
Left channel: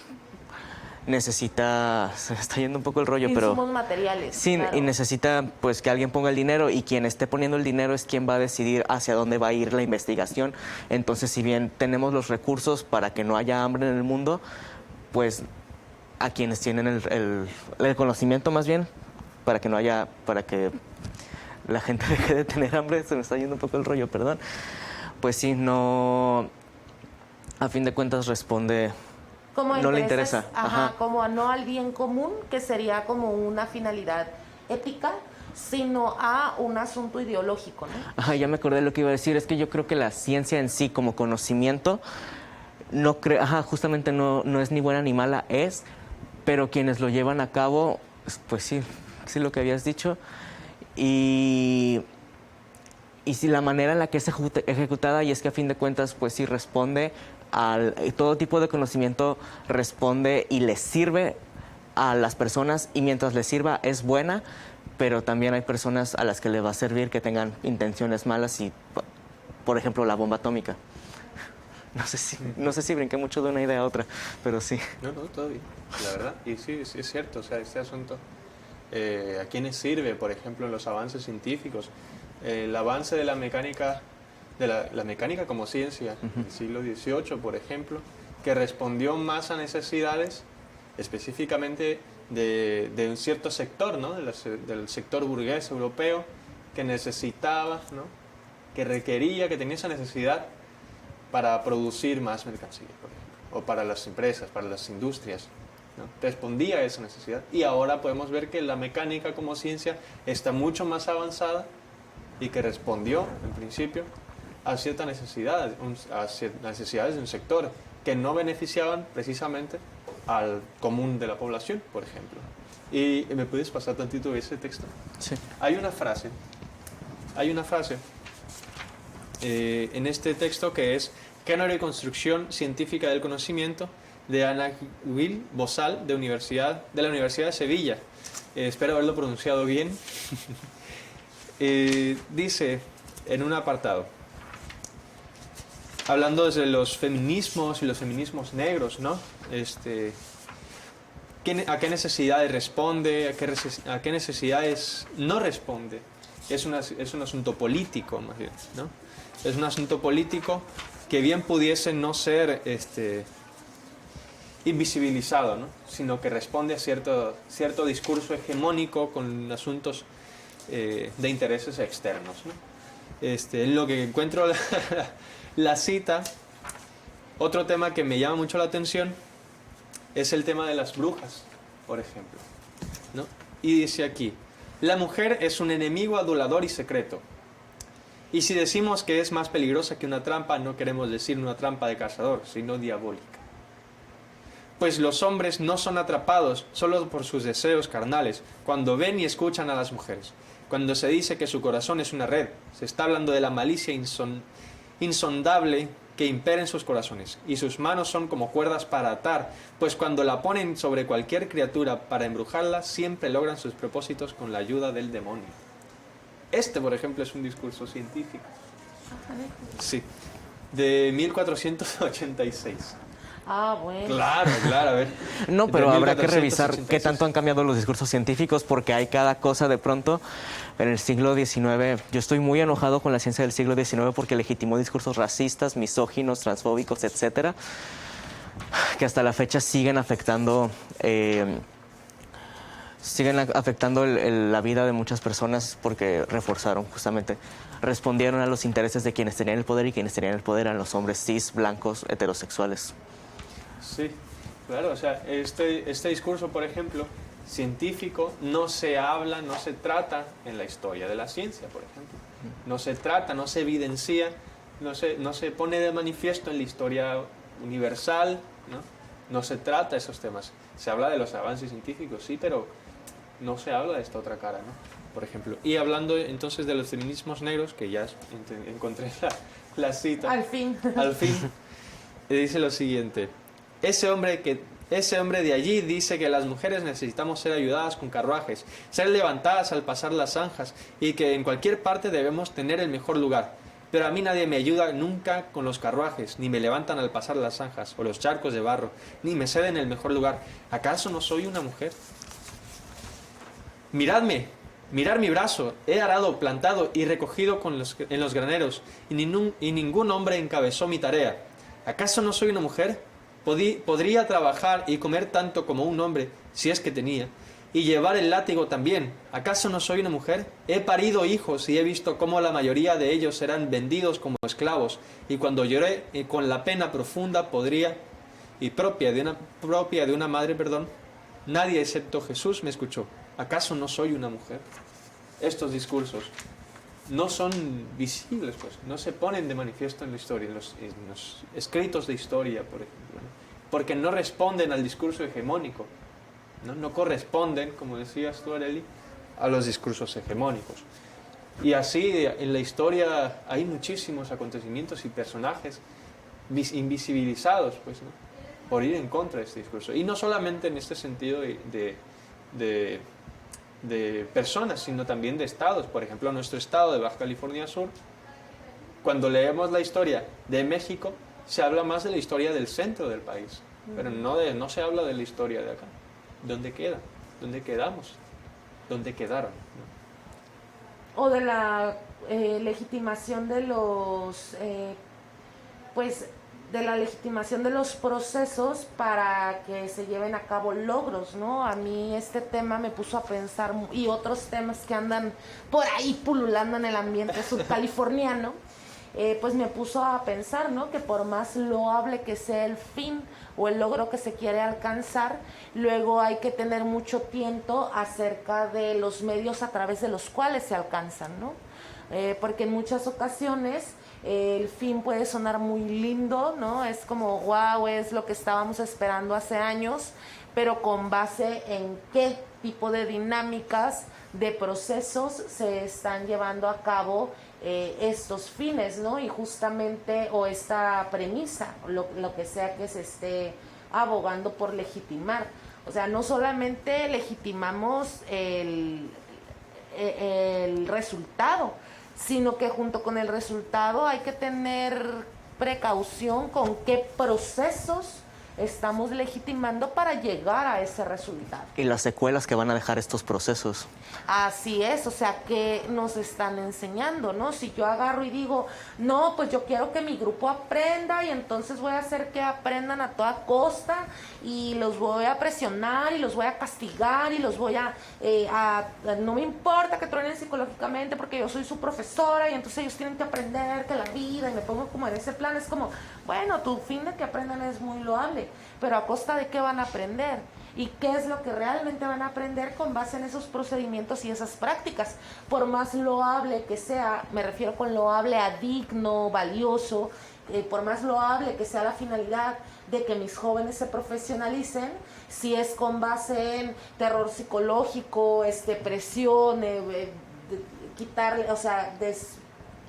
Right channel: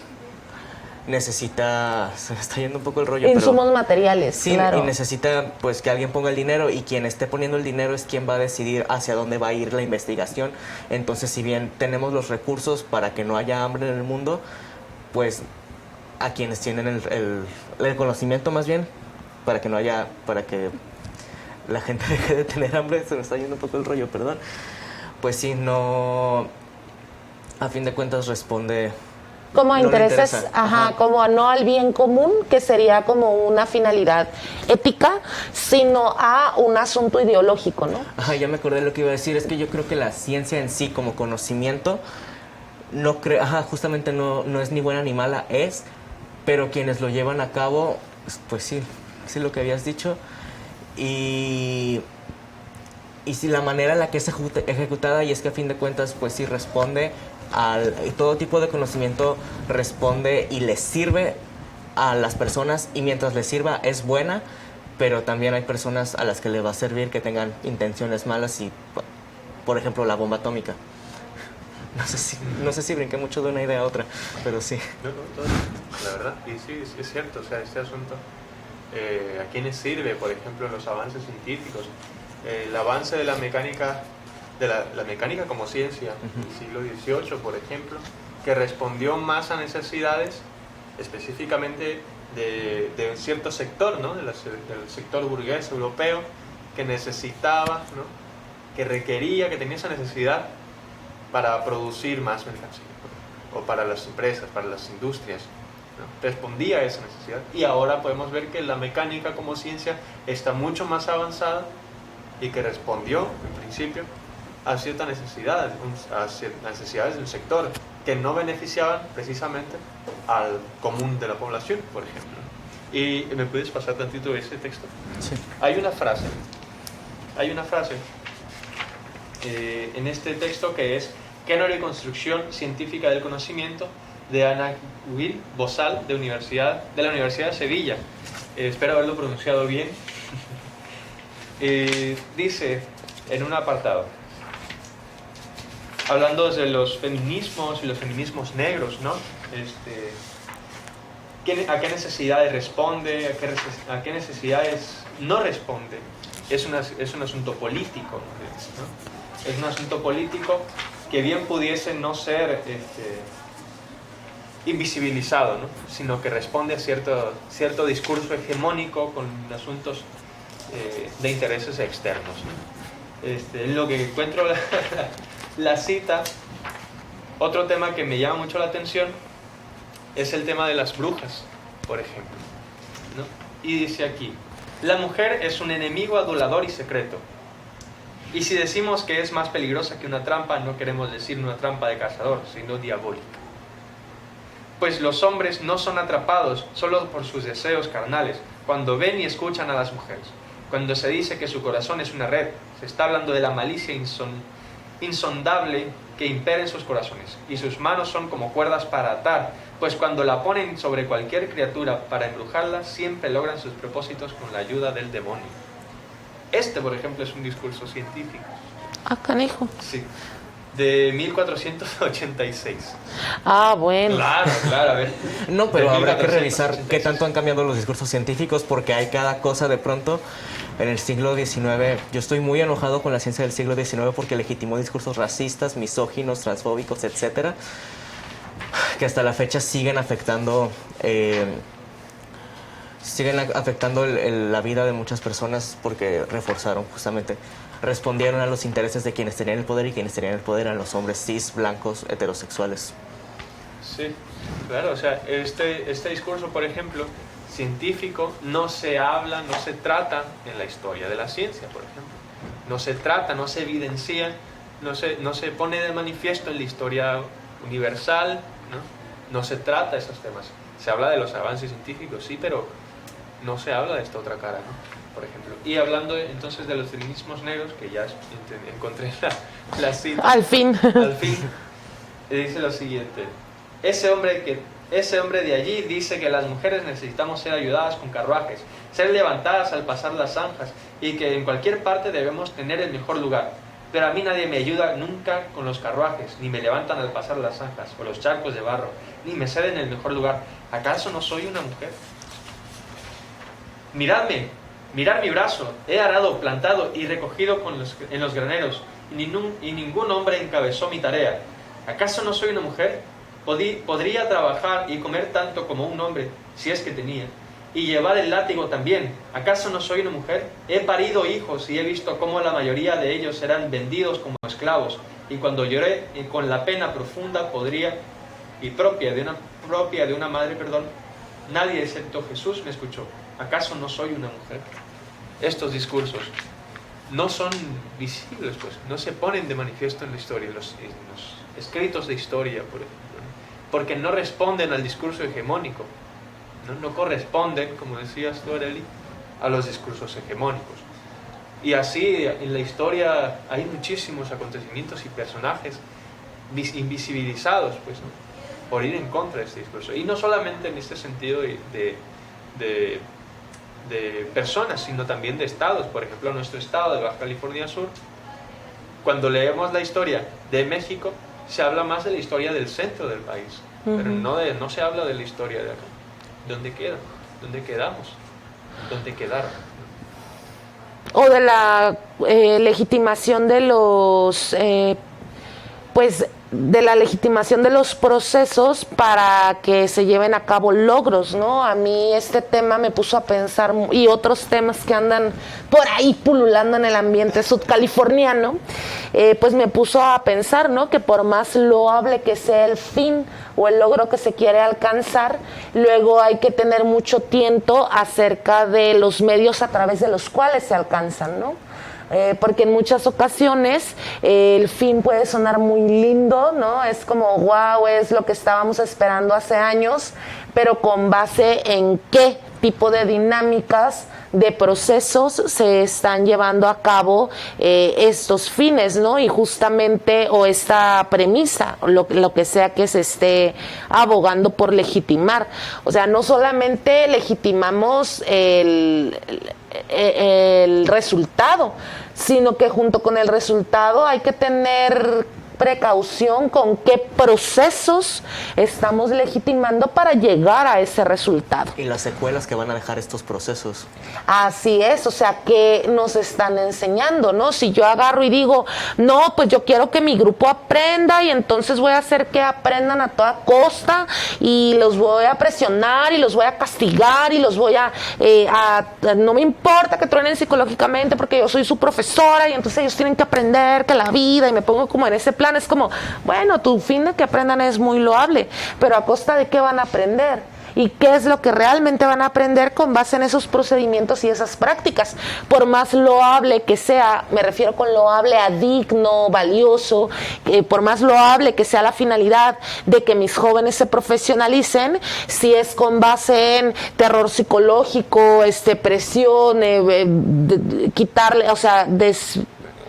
necesita, se me está yendo un poco el rollo, insumos materiales, sí, claro. Y necesita pues que alguien ponga el dinero, y quien esté poniendo el dinero es quien va a decidir hacia dónde va a ir la investigación. Entonces, si bien tenemos los recursos para que no haya hambre en el mundo, pues a quienes tienen el conocimiento, más bien, para que la gente deje de tener hambre, se me está yendo un poco el rollo, perdón. Pues sí, no, a fin de cuentas responde. Como no le intereses, interesa. ajá, como no al bien común, que sería como una finalidad ética, sino a un asunto ideológico, ¿no? Ajá, ya me acordé de lo que iba a decir. Es que yo creo que la ciencia en sí, como conocimiento, justamente no es ni buena ni mala, pero quienes lo llevan a cabo, pues sí lo que habías dicho. Y sí, la manera en la que es ejecutada, y es que a fin de cuentas, pues sí responde todo tipo de conocimiento, responde y les sirve a las personas y mientras les sirva es buena, pero también hay personas a las que le va a servir que tengan intenciones malas y, por ejemplo, la bomba atómica. No sé si brinqué mucho de una idea a otra, pero sí. No, todo, la verdad. Y sí, es cierto, o sea, este asunto, ¿a quiénes sirve, por ejemplo, los avances científicos? El avance de la mecánica, la mecánica como ciencia, del siglo XVIII, por ejemplo, que respondió más a necesidades específicamente de un cierto sector, ¿no? Del sector burgués europeo, que necesitaba, ¿no? Que requería, que tenía esa necesidad para producir más mercancía, o para las empresas, para las industrias, ¿no? Respondía a esa necesidad. Y ahora podemos ver que la mecánica como ciencia está mucho más avanzada y que respondió, en principio, a ciertas necesidades, a necesidades de un sector que no beneficiaban precisamente al común de la población, por ejemplo. ¿Y me puedes pasar tantito ese texto? Sí. Hay una frase en este texto que es Canon y construcción científica del conocimiento, de Ana Will Bozal, de la Universidad de Sevilla. Espero haberlo pronunciado bien. Dice en un apartado, hablando de los feminismos y los feminismos negros, ¿no? ¿A qué necesidades responde? ¿A qué necesidades no responde? Es un asunto político, ¿no? Es un asunto político que bien pudiese no ser invisibilizado, ¿no? Sino que responde a cierto discurso hegemónico con asuntos de intereses externos, ¿no? En lo que encuentro la cita, otro tema que me llama mucho la atención es el tema de las brujas, por ejemplo, ¿no? Y dice aquí, la mujer es un enemigo adulador y secreto. Y si decimos que es más peligrosa que una trampa, no queremos decir una trampa de cazador, sino diabólica. Pues los hombres no son atrapados solo por sus deseos carnales, cuando ven y escuchan a las mujeres. Cuando se dice que su corazón es una red, se está hablando de la malicia insondable que impera en sus corazones, y sus manos son como cuerdas para atar, pues cuando la ponen sobre cualquier criatura para embrujarla, siempre logran sus propósitos con la ayuda del demonio. Por ejemplo, es un discurso científico. Ah, canijo. Sí, de 1486. Ah, bueno. Claro, a ver. No, pero De habrá que revisar 1486. qué tanto han cambiado los discursos científicos porque hay cada cosa de pronto. En el siglo XIX, yo estoy muy enojado con la ciencia del siglo XIX porque legitimó discursos racistas, misóginos, transfóbicos, etcétera, que hasta la fecha siguen afectando la vida de muchas personas porque respondieron a los intereses de quienes tenían el poder, y quienes tenían el poder eran los hombres cis, blancos, heterosexuales. Sí, claro, o sea, este discurso, por ejemplo, científico, no se habla, no se trata en la historia de la ciencia, por ejemplo. No se trata, no se evidencia, no se pone de manifiesto en la historia universal, ¿no? No se trata esos temas. Se habla de los avances científicos, sí, pero no se habla de esta otra cara, ¿no? Por ejemplo. Y hablando entonces de los feminismos negros, que ya encontré la cita. Al fin. Dice lo siguiente. Ese hombre de allí dice que las mujeres necesitamos ser ayudadas con carruajes, ser levantadas al pasar las zanjas, y que en cualquier parte debemos tener el mejor lugar. Pero a mí nadie me ayuda nunca con los carruajes, ni me levantan al pasar las zanjas, o los charcos de barro, ni me ceden el mejor lugar. ¿Acaso no soy una mujer? Mirad mi brazo, he arado, plantado y recogido en los graneros, y ningún hombre encabezó mi tarea. ¿Acaso no soy una mujer? Podría trabajar y comer tanto como un hombre, si es que tenía, y llevar el látigo también. ¿Acaso no soy una mujer? He parido hijos y he visto cómo la mayoría de ellos serán vendidos como esclavos, y cuando lloré con la pena profunda propia de una madre, nadie excepto Jesús me escuchó. ¿Acaso no soy una mujer? Estos discursos no son visibles, pues, no se ponen de manifiesto en la historia, en los escritos de historia, por ejemplo, ¿no? Porque no responden al discurso hegemónico, no corresponden, como decías tú, Arely, a los discursos hegemónicos. Y así en la historia hay muchísimos acontecimientos y personajes invisibilizados, pues, ¿no? por ir en contra de este discurso. Y no solamente en este sentido de personas, sino también de estados. Por ejemplo, nuestro estado de Baja California Sur, cuando leemos la historia de México, se habla más de la historia del centro del país, pero no se habla de la historia de acá. ¿Dónde queda? ¿Dónde quedamos? ¿Dónde quedaron? O de la legitimación de los pues de la legitimación de los procesos para que se lleven a cabo logros, ¿no? A mí este tema me puso a pensar, y otros temas que andan por ahí pululando en el ambiente sudcaliforniano, pues me puso a pensar, ¿no? Que por más loable que sea el fin o el logro que se quiere alcanzar, luego hay que tener mucho tiento acerca de los medios a través de los cuales se alcanzan, ¿no? Porque en muchas ocasiones el fin puede sonar muy lindo, ¿no? Es como, wow, es lo que estábamos esperando hace años, pero con base en qué tipo de dinámicas, de procesos se están llevando a cabo estos fines, ¿no? Y justamente, o esta premisa, lo que sea que se esté abogando por legitimar. O sea, no solamente legitimamos el resultado, sino que junto con el resultado hay que tener precaución con qué procesos estamos legitimando para llegar a ese resultado. Y las secuelas que van a dejar estos procesos. Así es, o sea, que nos están enseñando, ¿no? Si yo agarro y digo, no, pues yo quiero que mi grupo aprenda y entonces voy a hacer que aprendan a toda costa y los voy a presionar y los voy a castigar y los voy a no me importa que truenen psicológicamente porque yo soy su profesora y entonces ellos tienen que aprender que la vida, y me pongo como en ese plan. Es como, bueno, tu fin de que aprendan es muy loable, pero ¿a costa de qué van a aprender? ¿Y qué es lo que realmente van a aprender con base en esos procedimientos y esas prácticas? Por más loable que sea, me refiero con loable a digno, valioso, por más loable que sea la finalidad de que mis jóvenes se profesionalicen, si es con base en terror psicológico, presión, quitarle, o sea,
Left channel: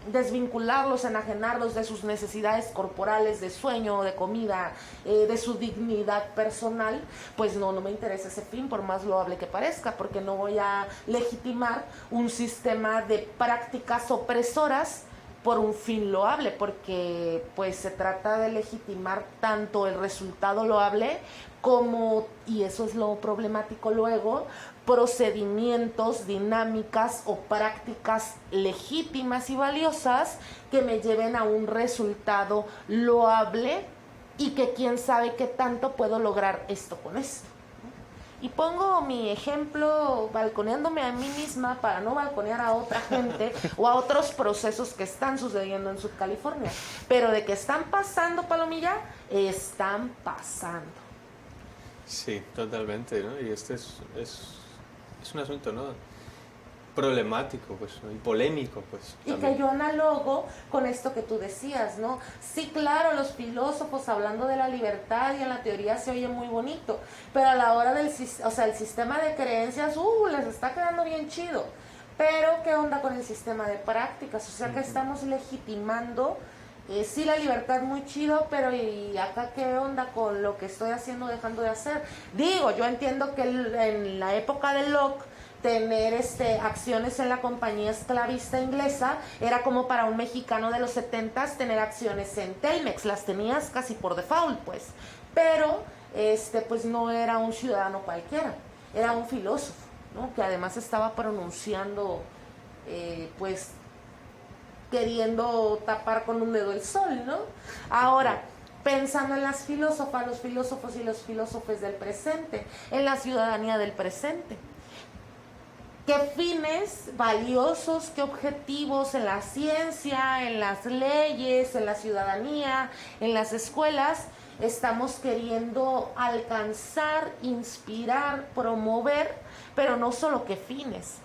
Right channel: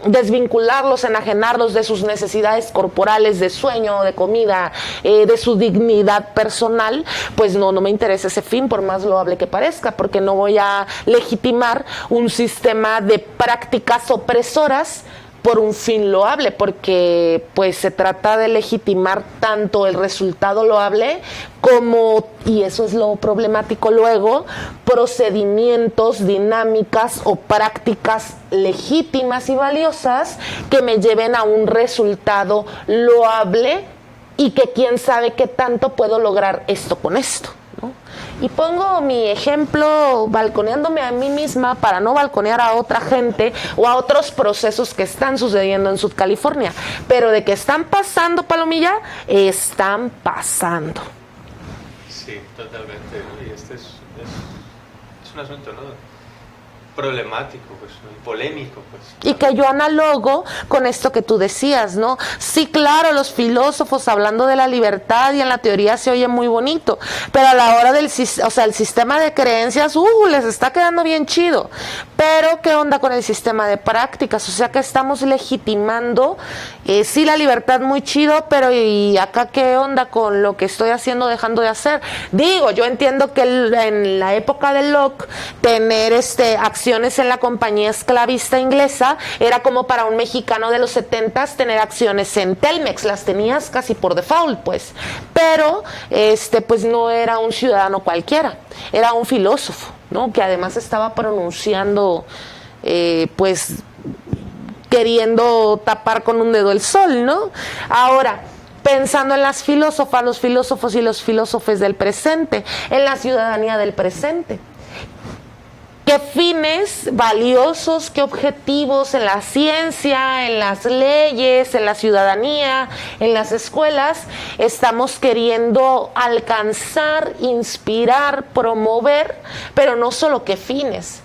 desvincularlos, enajenarlos de sus necesidades corporales, de sueño, de comida, de su dignidad personal, pues no me interesa ese fin, por más loable que parezca, porque no voy a legitimar un sistema de prácticas opresoras por un fin loable, porque pues se trata de legitimar tanto el resultado loable como, y eso es lo problemático luego, procedimientos, dinámicas o prácticas legítimas y valiosas que me lleven a un resultado loable y que quién sabe qué tanto puedo lograr esto con esto, ¿no? Y pongo mi ejemplo balconeándome a mí misma para no balconear a otra gente o a otros procesos que están sucediendo en Sudcalifornia. Pero de que están pasando, Palomilla, están pasando. Sí, totalmente, ¿no? Y es un asunto, ¿no? Problemático, pues, y polémico, pues. Y que yo analogo con esto que tú decías, ¿no? Sí, claro, los filósofos hablando de la libertad y en la teoría se oye muy bonito, pero a la hora el sistema de creencias, les está quedando bien chido. Pero, ¿qué onda con el sistema de prácticas? O sea, que estamos legitimando, sí, la libertad muy chido, pero ¿y acá qué onda con lo que estoy haciendo, dejando de hacer? Digo, yo entiendo que en la época de Locke, tener acciones en la compañía esclavista inglesa era como para un mexicano de los 70s tener acciones en Telmex, las tenías casi por default, pues. Pero, pues no era un ciudadano cualquiera, era un filósofo, ¿no? Que además estaba pronunciando, pues, queriendo tapar con un dedo el sol, ¿no? Ahora, pensando en las filósofas, los filósofos y los filósofos del presente, en la ciudadanía del presente. ¿Qué fines valiosos, qué objetivos en la ciencia, en las leyes, en la ciudadanía, en las escuelas estamos queriendo alcanzar, inspirar, promover? Pero no solo qué fines.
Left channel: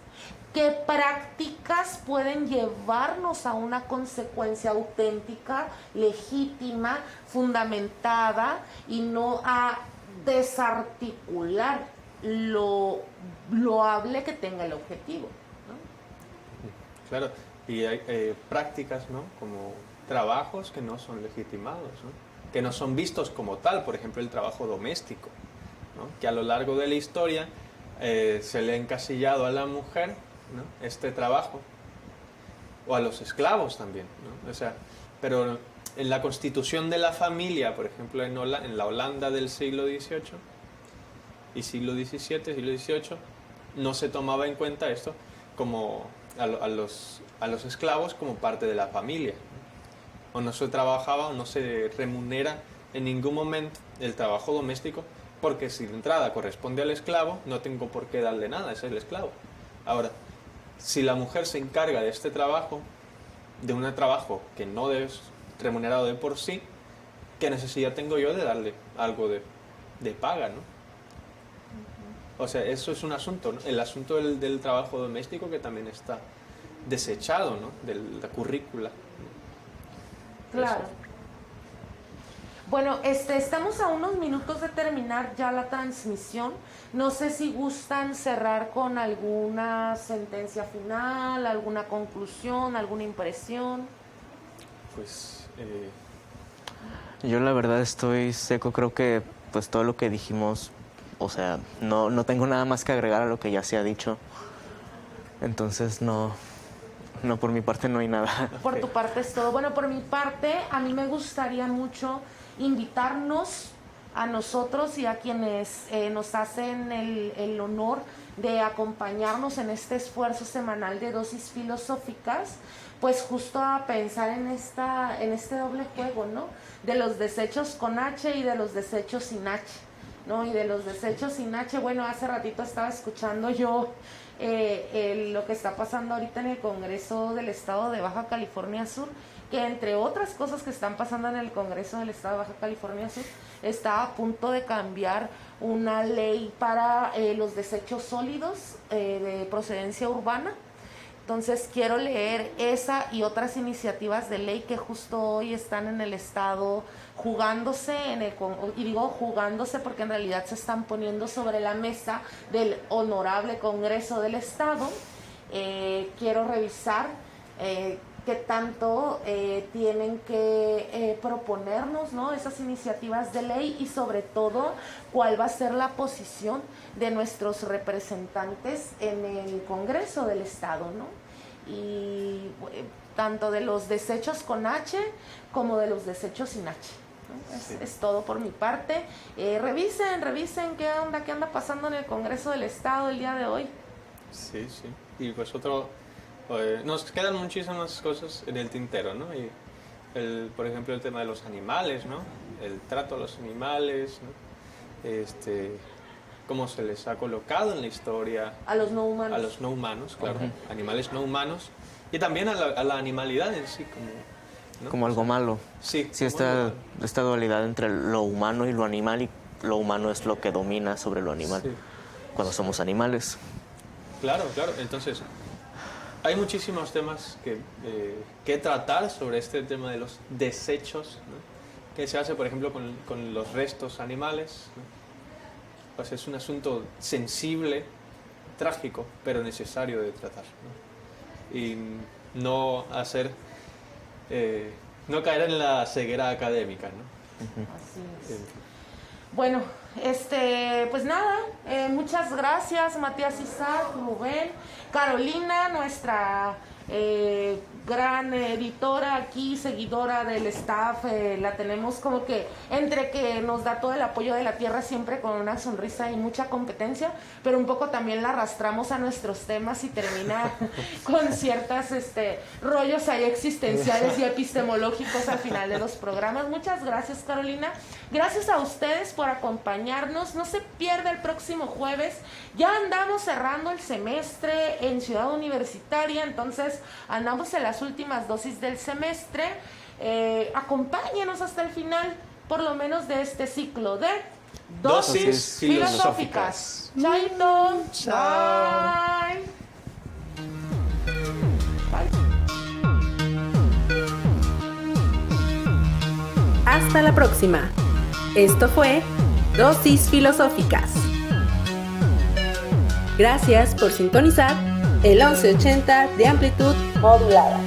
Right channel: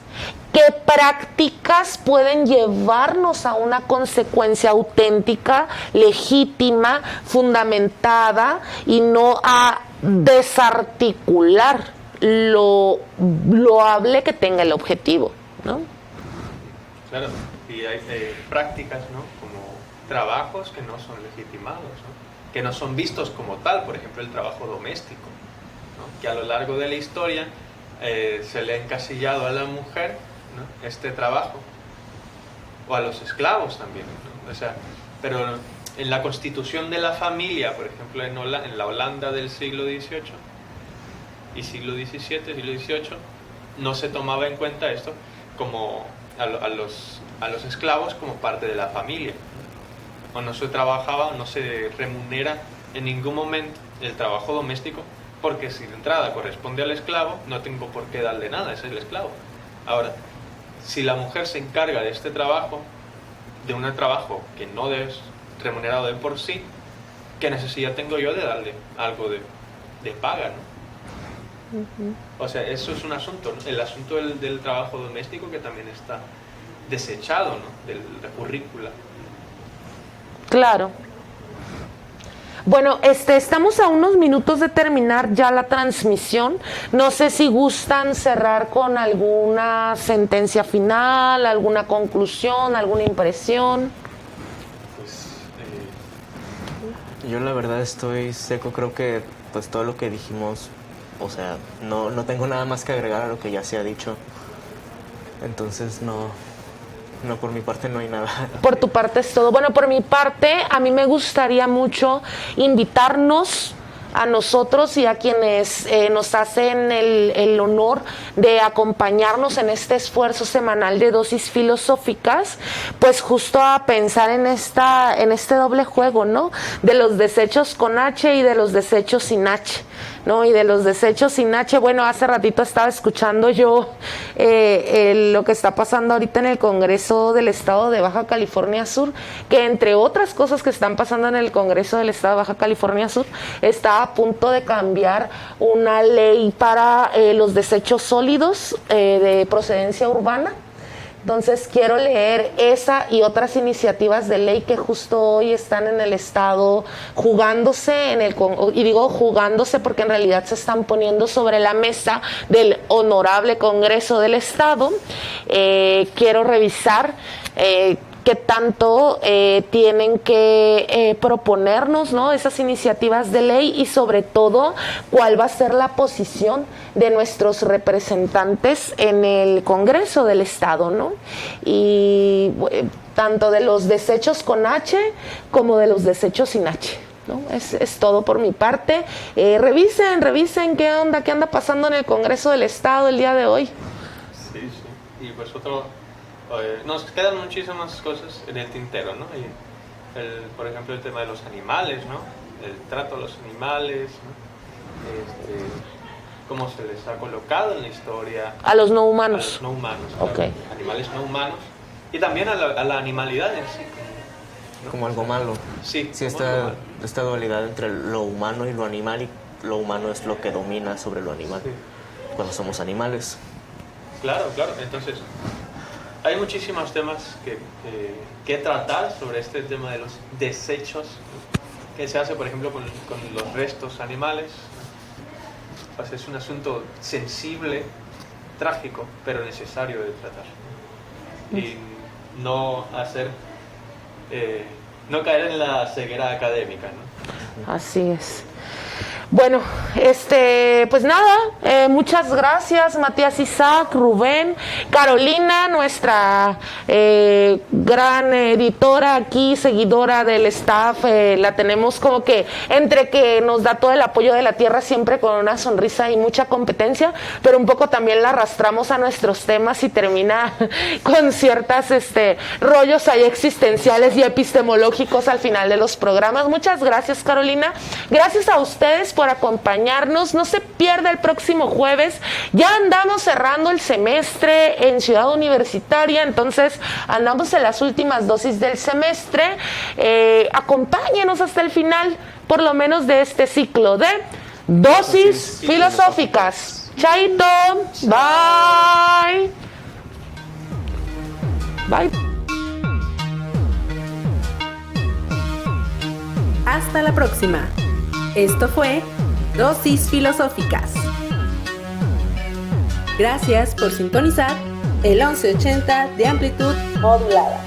¿Qué prácticas pueden llevarnos a una consecuencia auténtica, legítima, fundamentada y no a desarticular lo loable que tenga el objetivo, ¿no? Claro, y hay prácticas, ¿no? Como trabajos que no son legitimados, ¿no? que no son vistos como tal, por ejemplo el trabajo doméstico, ¿no? Que a lo largo de la historia se le ha encasillado a la mujer, ¿no? Este trabajo, o a los esclavos también, ¿no? O sea, pero en la constitución de la familia, por ejemplo en la Holanda del siglo XVIII y siglo XVII, siglo XVIII, no se tomaba en cuenta esto como a los esclavos como parte de la familia, o no se trabajaba o no se remunera en ningún momento el trabajo doméstico, porque si de entrada corresponde al esclavo, no tengo por qué darle nada, ese es el esclavo. Ahora, si la mujer se encarga de este trabajo, de un trabajo que no es remunerado de por sí, ¿qué necesidad tengo yo de darle algo de paga, ¿no? O sea, eso es un asunto, ¿no? El asunto del trabajo doméstico, que también está desechado, ¿no? De la currícula. Claro. Bueno, estamos a unos minutos de terminar ya la transmisión. No sé si gustan cerrar con alguna sentencia final, alguna conclusión, alguna impresión. Pues, Yo la verdad estoy seco, creo que pues todo lo que dijimos, o sea, no tengo nada más que agregar a lo que ya se ha dicho. Entonces no, por mi parte no hay nada. Por tu parte es todo. Bueno, por mi parte, a mí me gustaría mucho invitarnos a nosotros y a quienes nos hacen el honor de acompañarnos en este esfuerzo semanal de dosis filosóficas, pues justo a pensar en este doble juego, ¿no? De los desechos con H y de los desechos sin H, ¿no? Y de los desechos sin H, bueno, hace ratito estaba escuchando yo lo que está pasando ahorita en el Congreso del Estado de Baja California Sur, que entre otras cosas que están pasando en el Congreso del Estado de Baja California Sur, está a punto de cambiar una ley para los desechos sólidos de procedencia urbana. Entonces quiero leer esa y otras iniciativas de ley que justo hoy están en el Estado jugándose, y digo jugándose porque en realidad se están poniendo sobre la mesa del honorable Congreso del Estado. Quiero revisar qué tanto tienen que proponernos, ¿no? Esas iniciativas de ley, y sobre todo cuál va a ser la posición de nuestros representantes en el Congreso del Estado, ¿no? Y tanto de los desechos con H como de los desechos sin H, ¿no? Es todo por mi parte. Revisen qué anda pasando en el Congreso del Estado el día de hoy. sí. Y pues nos quedan muchísimas cosas en el tintero, ¿no? Y por ejemplo, el tema de los animales, ¿no? El trato a los animales, ¿no? Cómo se les ha colocado en la historia. A los no humanos. A los no humanos, claro. Okay. Animales no humanos. Y también a la animalidad en sí. ¿no? Como algo malo. Sí. Sí, esta dualidad entre lo humano y lo animal, y lo humano es lo que domina sobre lo animal, Sí. cuando somos animales. Claro. Entonces, hay muchísimos temas que tratar sobre este tema de los desechos, ¿no? Que se hace, por ejemplo, con los restos animales, ¿no? Pues es un asunto sensible, trágico, pero necesario de tratar, ¿no? Y no caer en la ceguera académica, ¿no? Así es. Bueno, pues nada, muchas gracias Matías Isaac, Rubén, Carolina, nuestra gran editora aquí, seguidora del staff, la tenemos como que entre que nos da todo el apoyo de la tierra, siempre con una sonrisa y mucha competencia, pero un poco también la arrastramos a nuestros temas y termina con ciertas rollos ahí existenciales y epistemológicos al final de los programas. Muchas gracias, Carolina. Gracias a ustedes por acompañarnos. No se pierda el próximo jueves. Ya andamos cerrando el semestre en Ciudad Universitaria, entonces andamos en las últimas dosis del semestre. Acompáñenos hasta el final, por lo menos de este ciclo de dosis filosóficas. Chaito. Bye. Bye. Hasta la próxima. Esto fue Dosis Filosóficas. Gracias por sintonizar el 1180 de amplitud modulada.